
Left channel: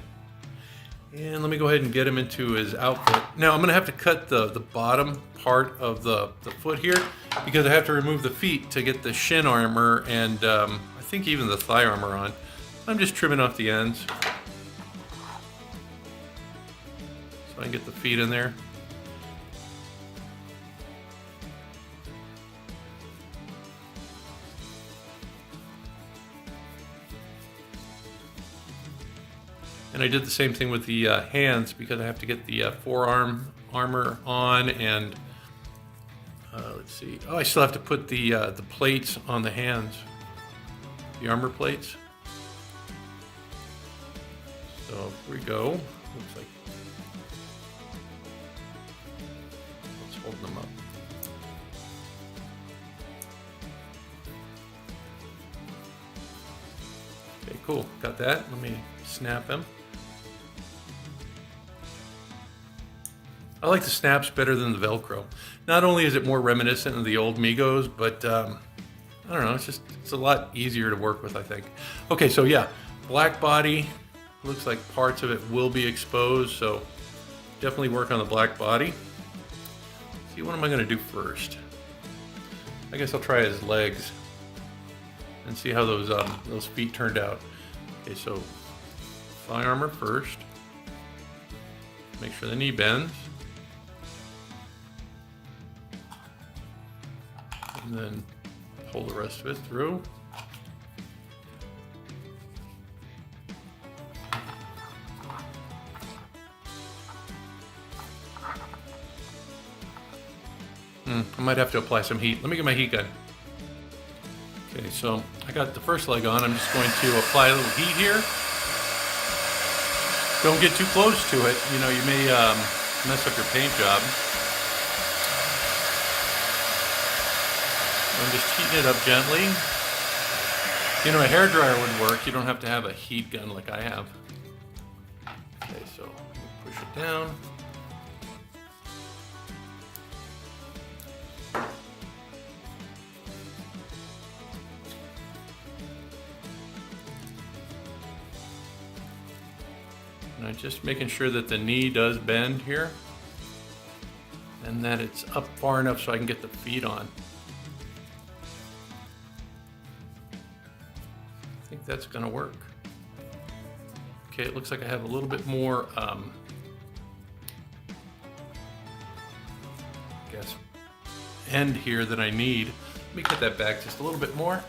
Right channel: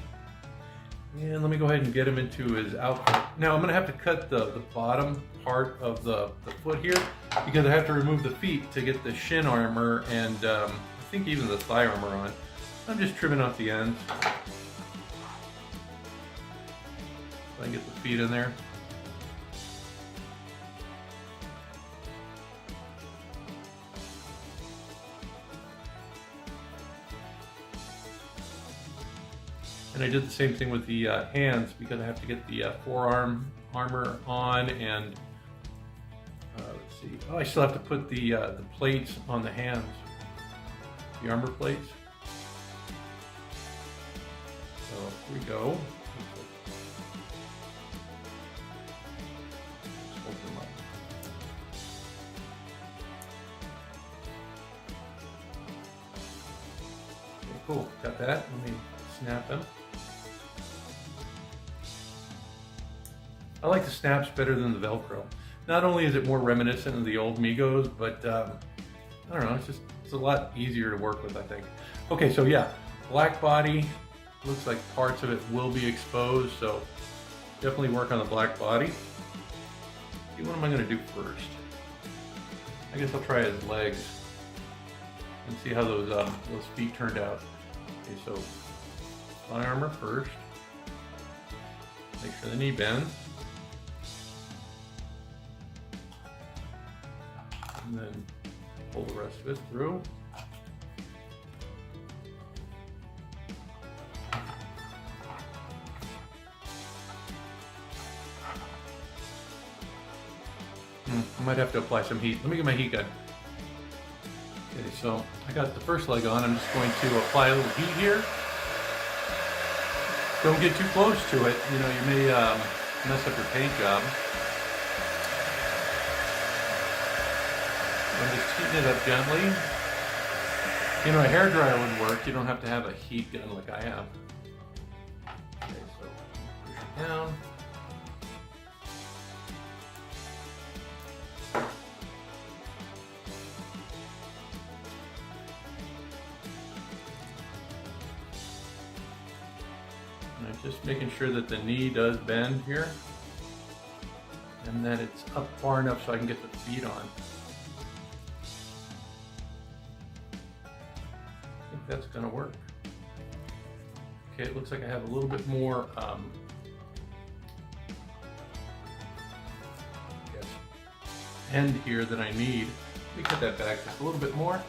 and let me go ahead and get him into his outfit. Now I'm going to have to cut the bottom part of the foot here because I have to remove the feet to get the shin armor and I think even the thigh armor on. I'm just trimming off the ends so I can get the feet in there. And I did the same thing with the hands because I have to get the forearm armor on, and let's see. Oh, I still have to put the plates on the hands, the armor plates. So here we go. Looks like let's hold them up. Okay, cool. Got that. Let me snap them. I like the snaps better than the Velcro. Not only is it more reminiscent of the old Megos, but I don't know, it's a lot easier to work with, I think. Okay, so yeah, black body looks like parts of it will be exposed, so definitely work on the black body. See, what am I going to do first? I guess I'll try his legs and see how those feet turned out. Okay, so thigh armor first. Make sure the knee bends. And then pull the rest of it through. I might have to apply some heat. Let me get my heat gun. Okay, so I got the first leg on. I'm just going to apply a little heat here. Don't get too close to it. You know, you may mess up your paint job. I'm just heating it up gently. You know, a hairdryer would work. You don't have to have a heat gun like I have. Okay, so push it down. And I'm just making sure that the knee does bend here and that it's up far enough so I can get the feet on. I think that's gonna work. Okay, it looks like I have a little bit more end here that I need. Let me get that back just a little bit more.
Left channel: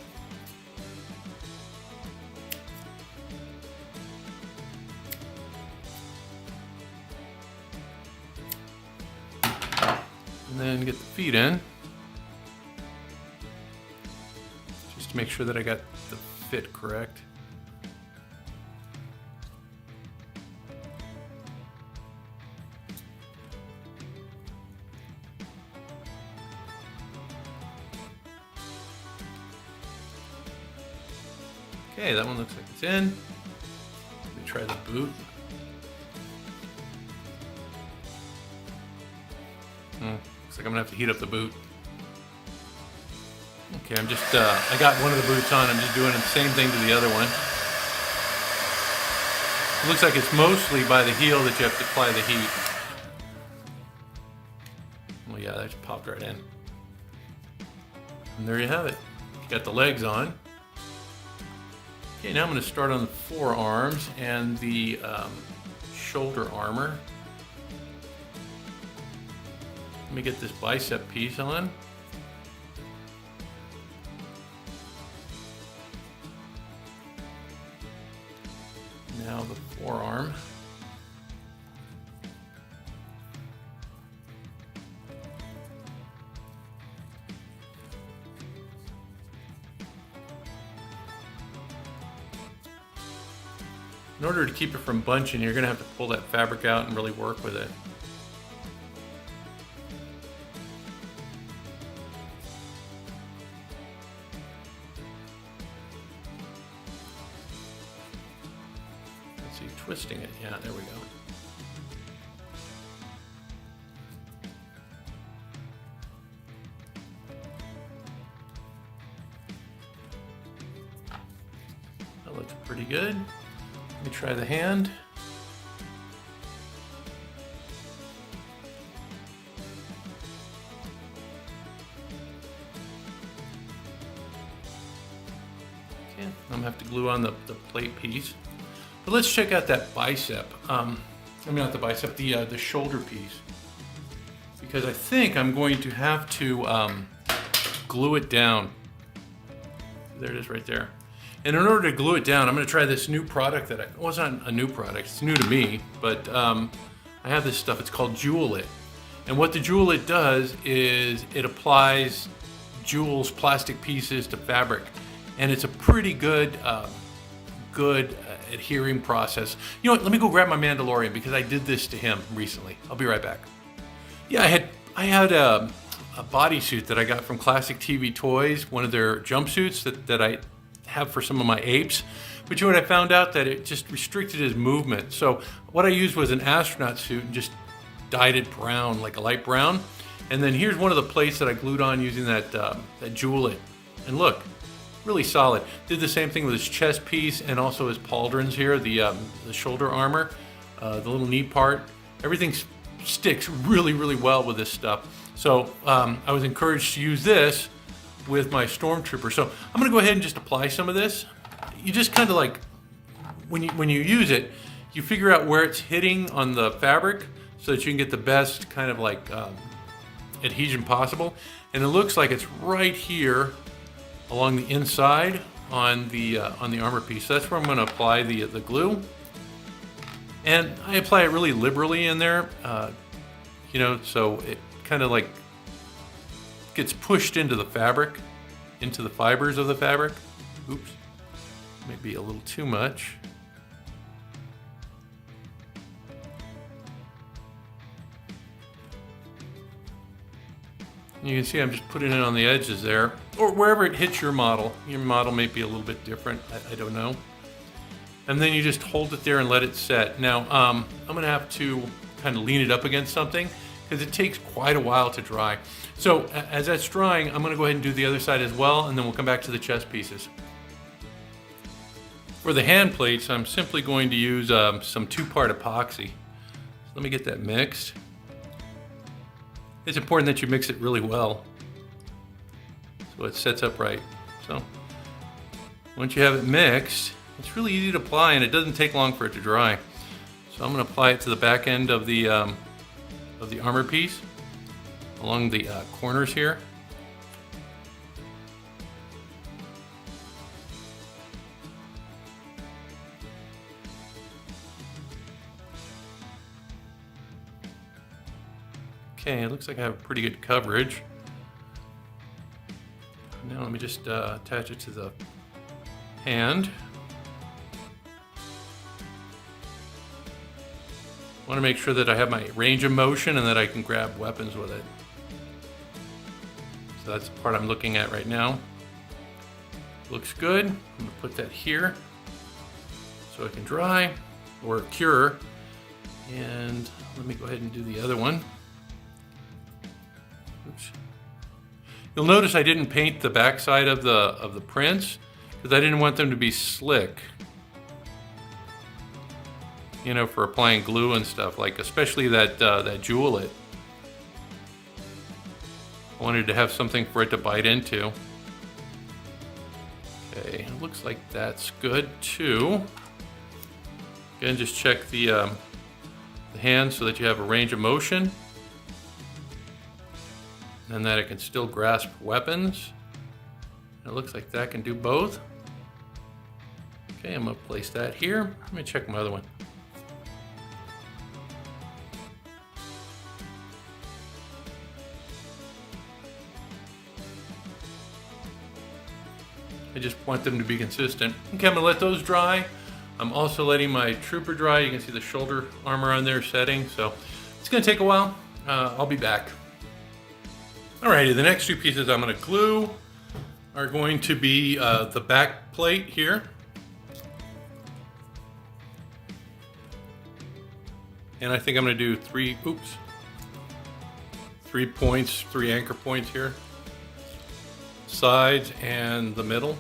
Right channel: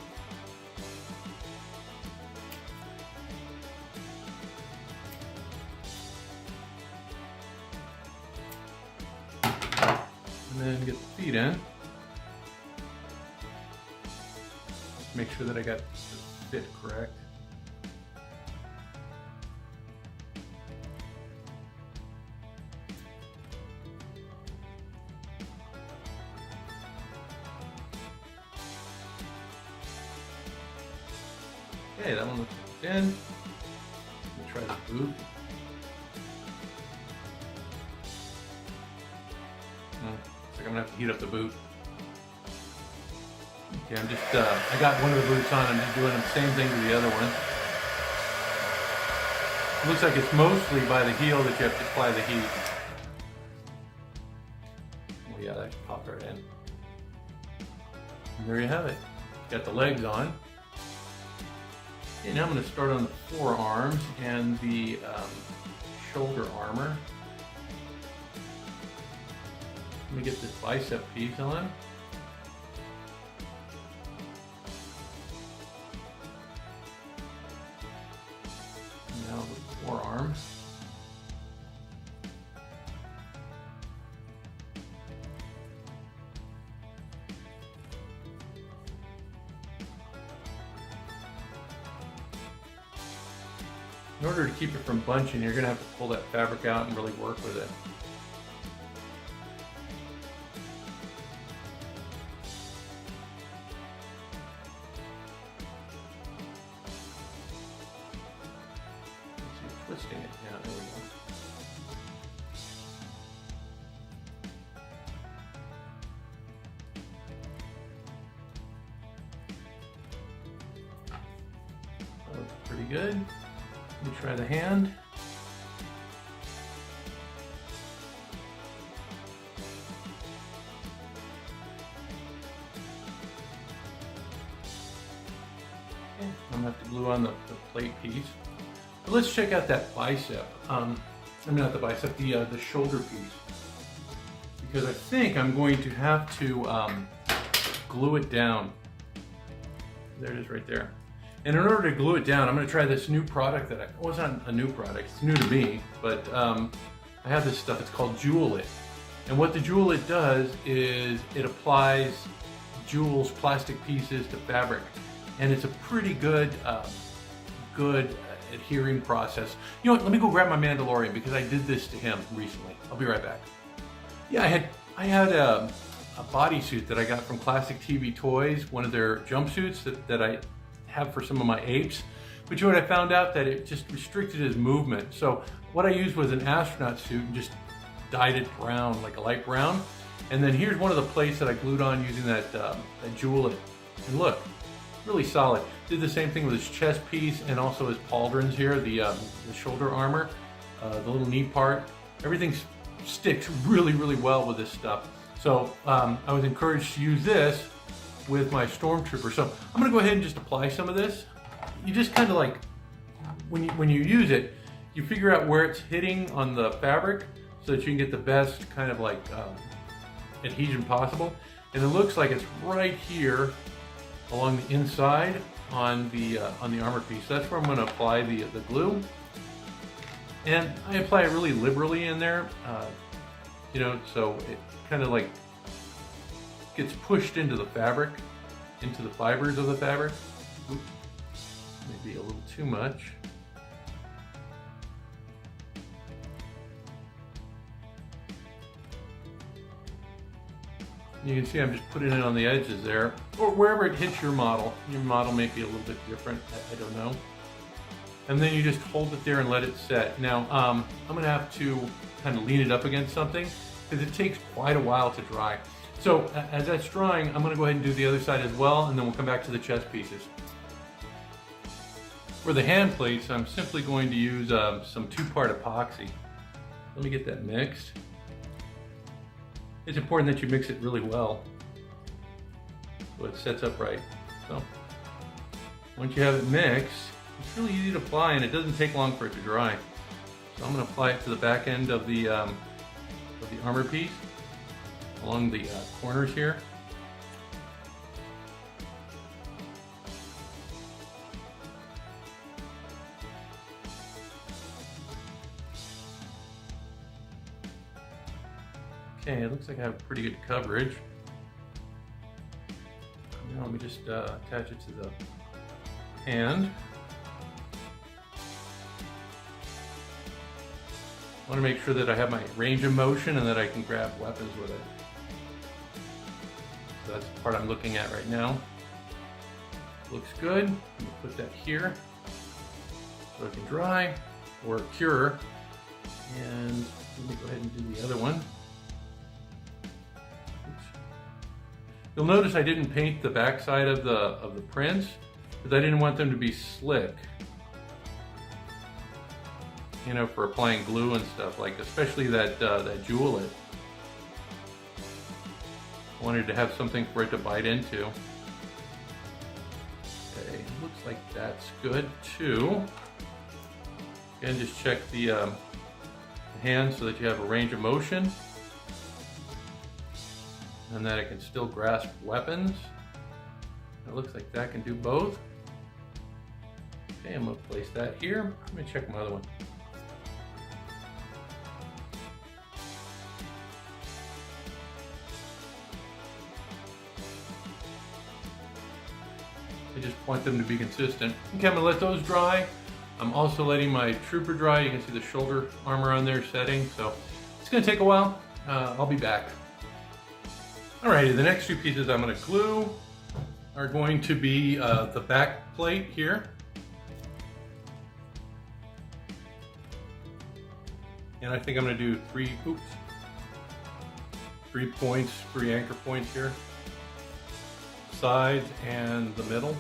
And then get the feet in. Just to make sure that I got the fit correct. Okay, that one looks like it's in. Let me try the boot. Looks like I'm gonna have to heat up the boot. Okay, I'm just, I got one of the boots on. I'm just doing the same thing to the other one. It looks like it's mostly by the heel that you have to apply the heat. Well, yeah, that just popped right in. And there you have it. You got the legs on. Okay, now I'm going to start on the forearms and the shoulder armor. Let me get this bicep piece on. Now the forearm. In order to keep it from bunching, you're going to have to pull that fabric out and really work with it. Let's see, twisting it. Yeah, there we go. That looks pretty good. Let me try the hand. Okay, I'm gonna have to glue on the plate piece. But let's check out that bicep. I mean, not the bicep, the shoulder piece. Because I think I'm going to have to glue it down. There it is right there. And in order to glue it down, I'm going to try this new product that well, it's not a new product, it's new to me, but I have this stuff, it's called Jewel It. And what the Jewel It does is it applies jewels, plastic pieces to fabric. And it's a pretty good, adhering process. You know what, let me go grab my Mandalorian because I did this to him recently. I'll be right back. Yeah, I had a bodysuit that I got from Classic TV Toys, one of their jumpsuits that I have for some of my apes, but you know what, I found out that it just restricted his movement. So what I used was an astronaut suit and just dyed it brown, like a light brown. And then here's one of the plates that I glued on using that Jewel It. And look, Really solid. Did the same thing with his chest piece and also his pauldrons here, the shoulder armor, the little knee part. Everything sticks really, really well with this stuff. So I was encouraged to use this with my Stormtrooper. So I'm gonna go ahead and just apply some of this. You just kind of like, when you use it, you figure out where it's hitting on the fabric so that you can get the best kind of like adhesion possible. And it looks like it's right here along the inside on the armor piece. So that's where I'm going to apply the glue, and I apply it really liberally in there, you know, so it kind of like gets pushed into the fabric, into the fibers of the fabric. Oops, maybe a little too much. You can see I'm just putting it on the edges there, or wherever it hits your model. Your model may be a little bit different, I don't know. And then you just hold it there and let it set. Now, I'm gonna have to kind of lean it up against something because it takes quite a while to dry. So as that's drying, I'm gonna go ahead and do the other side as well, and then we'll come back to the chest pieces. For the hand plates, I'm simply going to use some 2-part epoxy. Let me get that mixed. It's important that you mix it really well so it sets up right. So once you have it mixed, it's really easy to apply and it doesn't take long for it to dry. So I'm going to apply it to the back end of the armor piece along the corners here. Okay, it looks like I have pretty good coverage. Now let me just attach it to the hand. I want to make sure that I have my range of motion and that I can grab weapons with it. So that's the part I'm looking at right now. Looks good. I'm going to put that here so it can dry or cure. And let me go ahead and do the other one. You'll notice I didn't paint the backside of the prints because I didn't want them to be slick. You know, for applying glue and stuff, like especially that jewel it. I wanted to have something for it to bite into. Okay, looks like that's good too. Again, just check the hand so that you have a range of motion, and that it can still grasp weapons. It looks like that can do both. Okay, I'm gonna place that here. Let me check my other one. I just want them to be consistent. Okay, I'm gonna let those dry. I'm also letting my trooper dry. You can see the shoulder armor on there setting, so it's gonna take a while. I'll be back. Alrighty, the next 2 pieces I'm going to glue are going to be the back plate here. And I think I'm going to do 3 points, 3 anchor points here. Sides and the middle.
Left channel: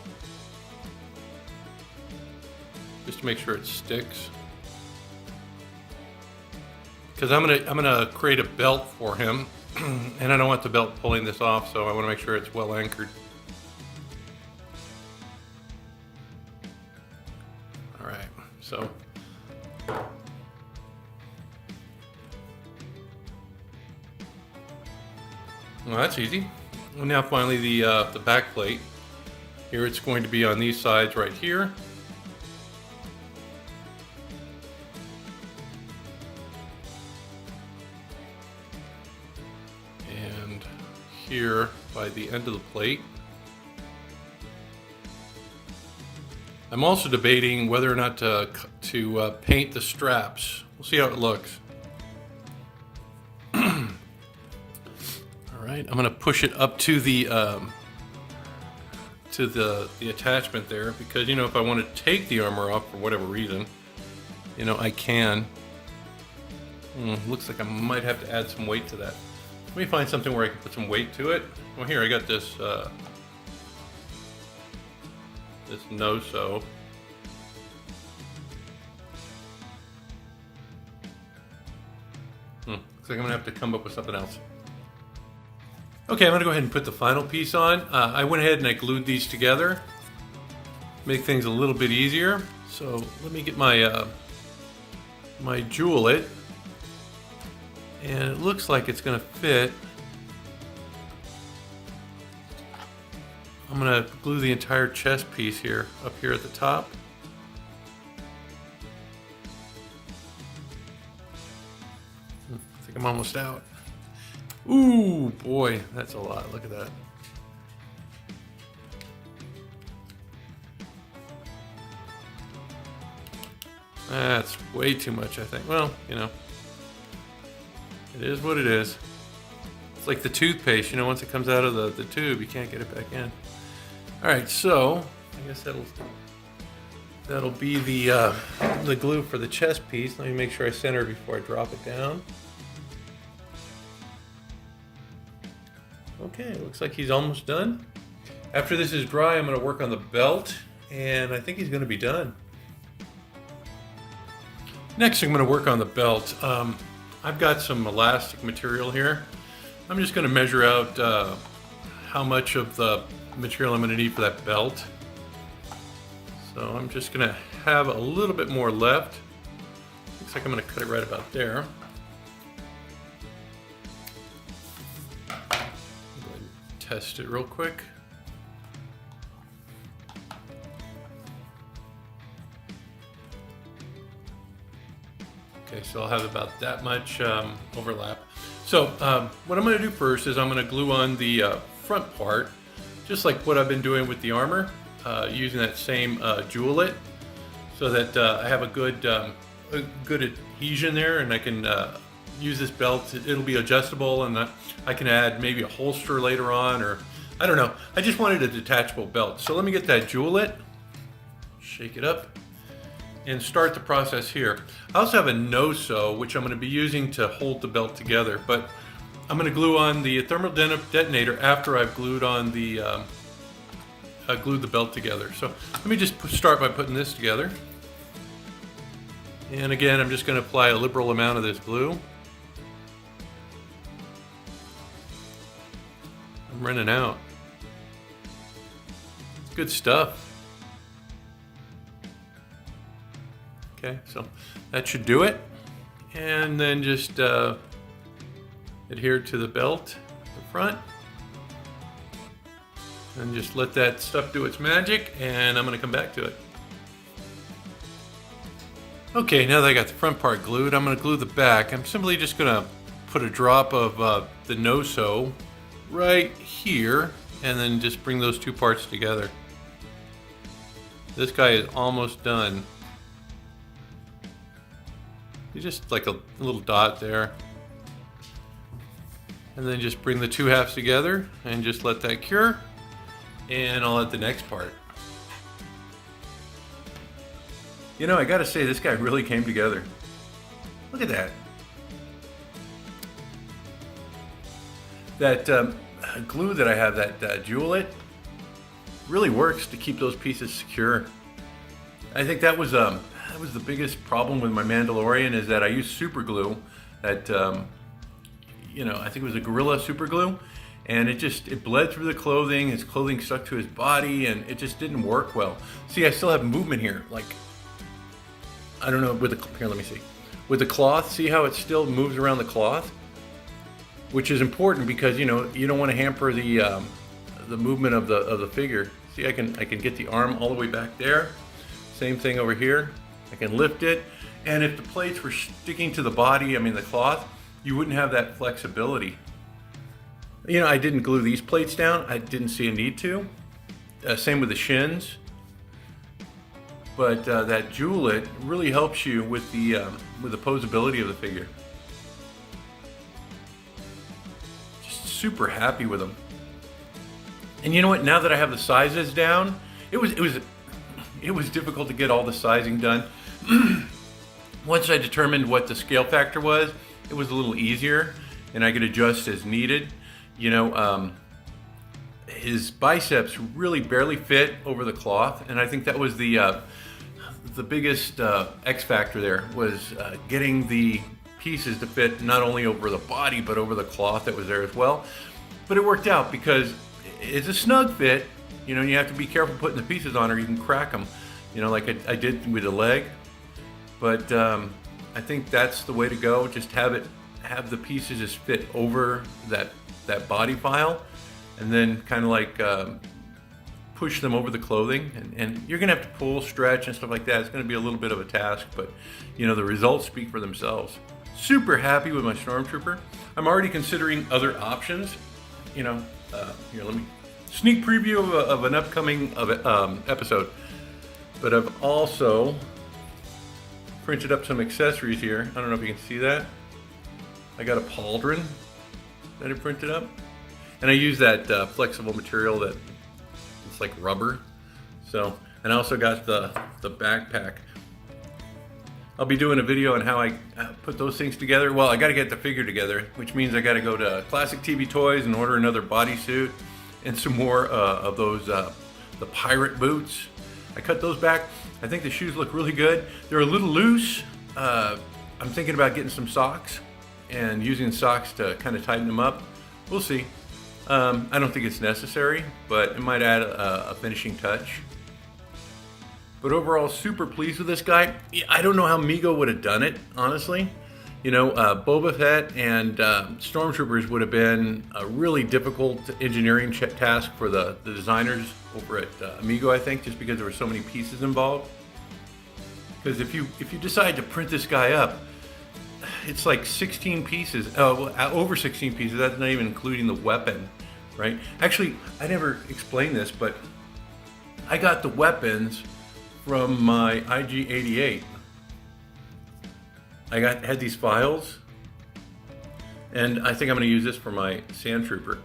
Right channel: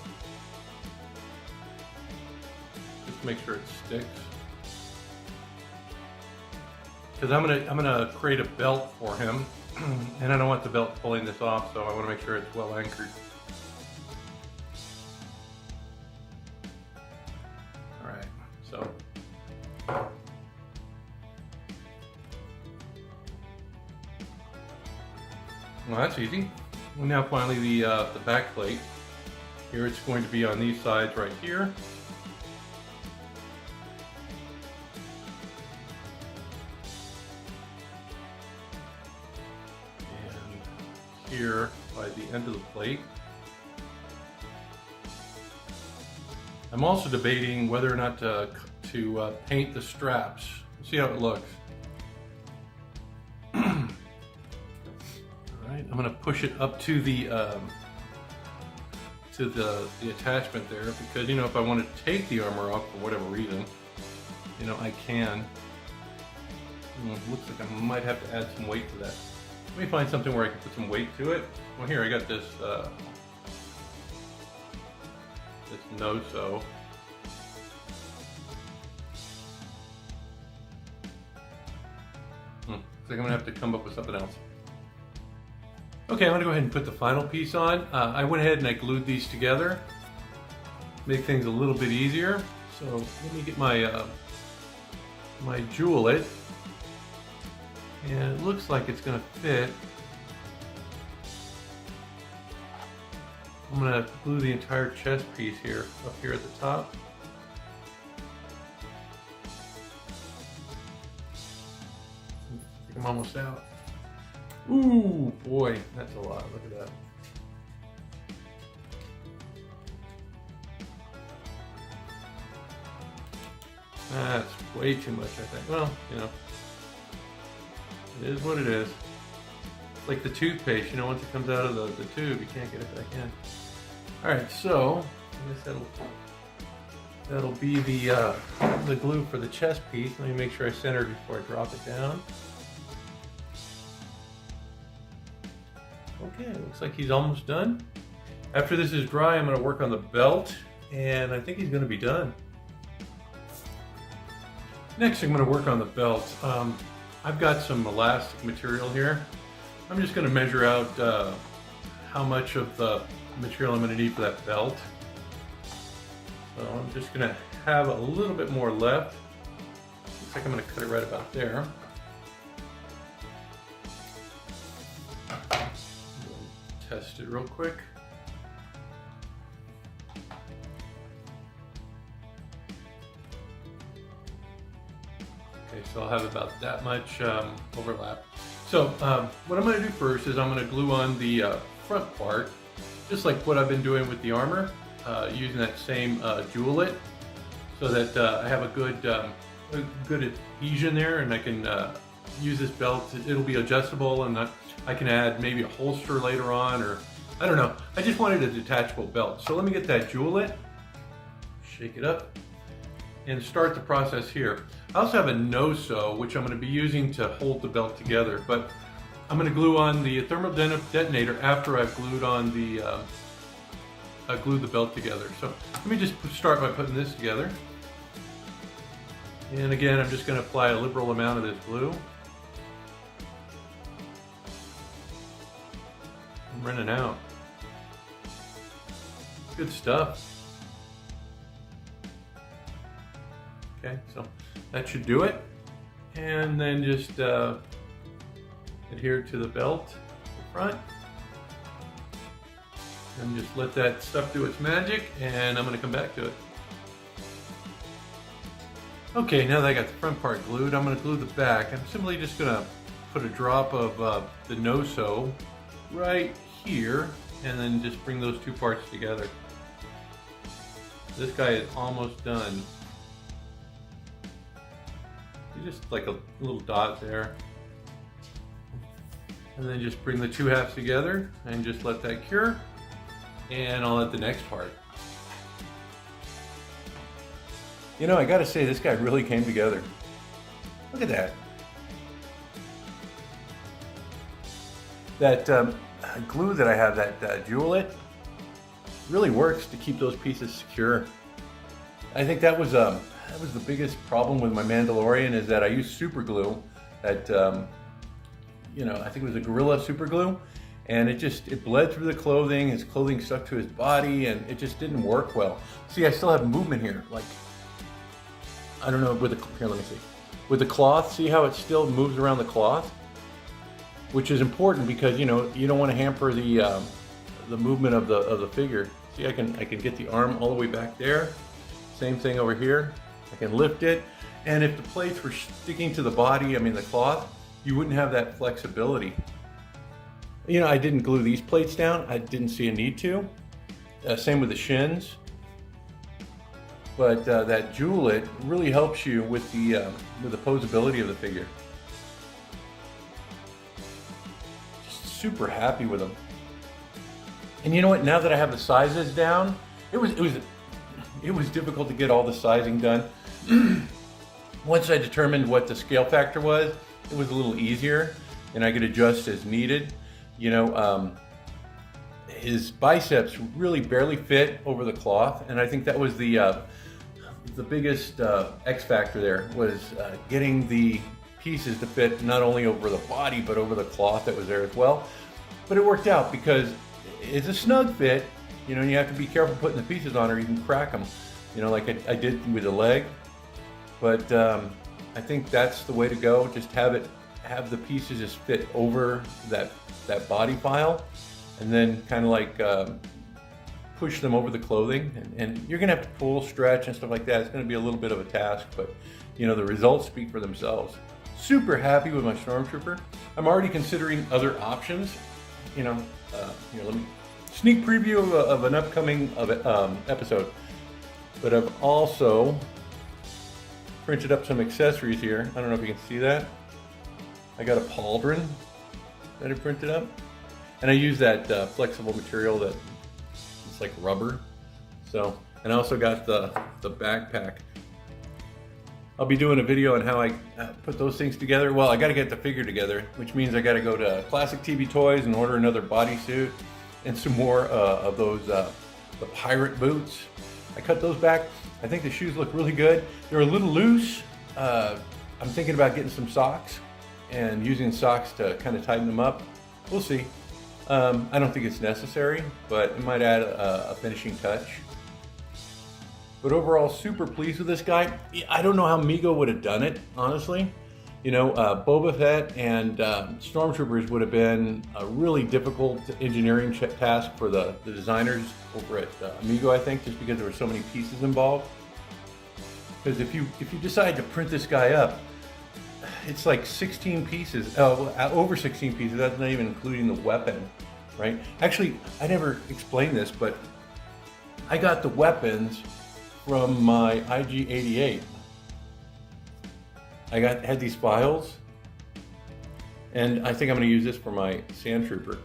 Just to make sure it sticks. Because I'm gonna create a belt for him. And I don't want the belt pulling this off, so I want to make sure it's well anchored. All right, so well, that's easy. And now finally the back plate. Here it's going to be on these sides right here. Here by the end of the plate. I'm also debating whether or not to paint the straps. We'll see how it looks. All right, I'm going to push it up to the attachment there because, you know, if I want to take the armor off for whatever reason, you know, I can. Looks like I might have to add some weight to that. Let me find something where I can put some weight to it. Well, here I got this this no-so. Looks like I'm gonna have to come up with something else. Okay, I'm gonna go ahead and put the final piece on. I went ahead and I glued these together, make things a little bit easier. So let me get my my jewel-it, and it looks like it's gonna fit. I'm gonna glue the entire chest piece here, up here at the top. I think I'm almost out. Ooh, boy, that's a lot. Look at that. That's way too much, I think. Well, you know, it is what it is. It's like the toothpaste, you know, once it comes out of the tube, you can't get it back in. All right, so I guess that'll be the glue for the chest piece. Let me make sure I center it before I drop it down. Okay, looks like he's almost done. After this is dry, I'm going to work on the belt, and I think he's going to be done. Next, I'm going to work on the belt. I've got some elastic material here. I'm just going to measure out how much of the material I'm going to need for that belt. So I'm just going to have a little bit more left. Looks like I'm going to cut it right about there. Test it real quick. Okay, so I'll have about that much overlap. So what I'm going to do first is I'm going to glue on the front part, just like what I've been doing with the armor, using that same jewel-it, so that I have a good adhesion there, and I can use this belt. It'll be adjustable, and I can add maybe a holster later on, or I don't know. I just wanted a detachable belt. So let me get that jewel-it, shake it up, and start the process here. I also have a no-so, which I'm going to be using to hold the belt together, but I'm going to glue on the thermal detonator after I've glued on the glued the belt together. So let me just start by putting this together. And again, I'm just going to apply a liberal amount of this glue. I'm running out. Good stuff. Okay, so that should do it. And then just adhere to the belt, the front. And just let that stuff do its magic, and I'm going to come back to it. Okay, now that I got the front part glued, I'm going to glue the back. I'm simply just going to put a drop of the no-so right here, and then just bring those two parts together. This guy is almost done. Just like a little dot there. And then just bring the two halves together and just let that cure. And I'll add the next part. You know, I gotta say, this guy really came together. Look at that. That glue that I have, that jewel-it, really works to keep those pieces secure. I think that was the biggest problem with my Mandalorian, is that I used super glue that, you know, I think it was a Gorilla super glue, and it bled through the clothing. His clothing stuck to his body, and it just didn't work well. See, I still have movement here. Like, I don't know, here, let me see. With the cloth, see how it still moves around the cloth? Which is important because, you know, you don't want to hamper the movement of the figure. See, I can get the arm all the way back there. Same thing over here. I can lift it, and if the plates were sticking to the body, I mean the cloth, you wouldn't have that flexibility. You know, I didn't glue these plates down. I didn't see a need to. Same with the shins. But that jewel-it really helps you with the posability of the figure. Just super happy with them. And you know what? Now that I have the sizes down, it was difficult to get all the sizing done. Once I determined what the scale factor was, it was a little easier, and I could adjust as needed. You know, his biceps really barely fit over the cloth, and I think that was the biggest X factor there, was getting the pieces to fit not only over the body but over the cloth that was there as well. But it worked out because it's a snug fit. You know, you have to be careful putting the pieces on or you can crack them, you know, like I did with the leg. But I think that's the way to go. Just have the pieces just fit over that body file, and then kind of like push them over the clothing. And you're gonna have to pull, stretch, and stuff like that. It's gonna be a little bit of a task, but you know, the results speak for themselves. Super happy with my Stormtrooper. I'm already considering other options. You know, here, let me sneak preview of an upcoming episode. But I've also printed up some accessories here. I don't know if you can see that. I got a pauldron that I printed up, and I use that flexible material that it's like rubber. So, and I also got the backpack. I'll be doing a video on how I put those things together. Well, I got to get the figure together, which means I got to go to Classic TV Toys and order another bodysuit and some more of those the pirate boots. I cut those back. I think the shoes look really good. They're a little loose. I'm thinking about getting some socks and using socks to kind of tighten them up. We'll see. I don't think it's necessary, but it might add a finishing touch. But overall, super pleased with this guy. I don't know how Mego would have done it, honestly. You know, Boba Fett and Stormtroopers would have been a really difficult engineering task for the designers over at Mego, I think, just because there were so many pieces involved. Because if you decide to print this guy up, it's like 16 pieces, over 16 pieces. That's not even including the weapon, right? Actually, I never explained this, but I got the weapons from my IG-88. I had these files, and I think I'm going to use this for my Sand Trooper.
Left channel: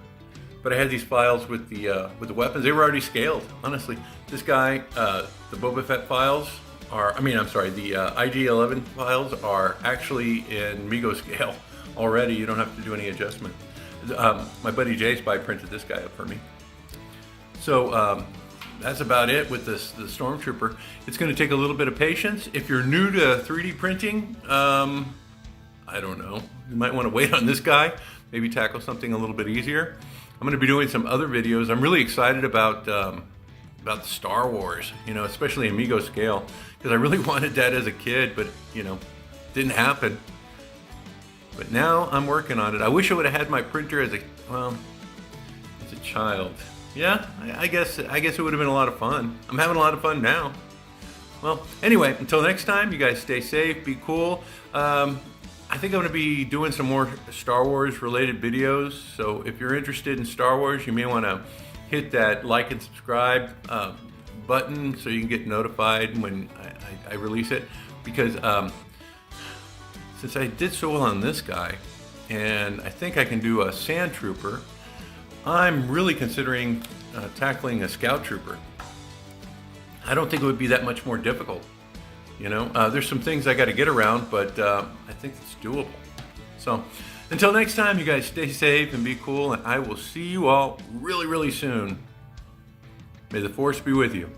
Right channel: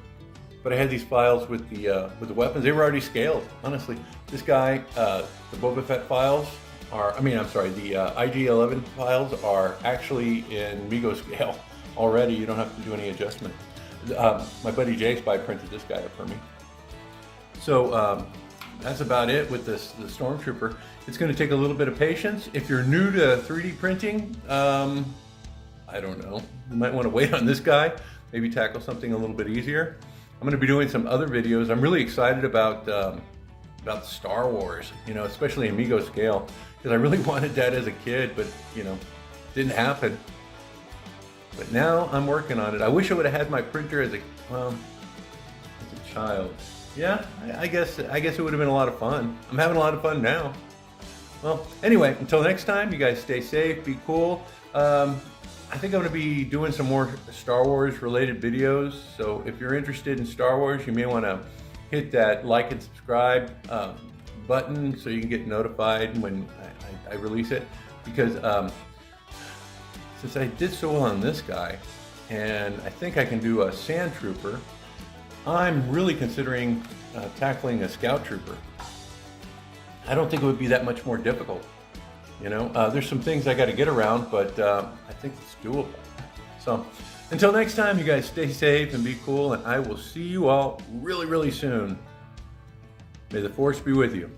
But I had these files with the weapons. They were already scaled, honestly. This guy, the Boba Fett files are, the IG-11 files are actually in Mego-Scale already. You don't have to do any adjustment. My buddy Jay Spy printed this guy up for me. So that's about it with the Stormtrooper. It's going to take a little bit of patience. If you're new to 3D printing, I don't know. You might want to wait on this guy. Maybe tackle something a little bit easier. I'm going to be doing some other videos. I'm really excited about Star Wars, you know, especially in Mego-Scale, because I really wanted that as a kid, but you know, didn't happen. But now I'm working on it. I wish I would have had my printer as a child. Yeah, I guess it would have been a lot of fun. I'm having a lot of fun now. Well, anyway, until next time, you guys stay safe, be cool. I think I'm going to be doing some more Star Wars related videos. So if you're interested in Star Wars, you may want to hit that like and subscribe button so you can get notified when I release it. Because since I did so well on this guy, and I think I can do a Sand Trooper, I'm really considering tackling a Scout Trooper. I don't think it would be that much more difficult. You know, there's some things I got to get around, but I think it's doable. So until next time, you guys stay safe and be cool, and I will see you all really, really soon. May the Force be with you.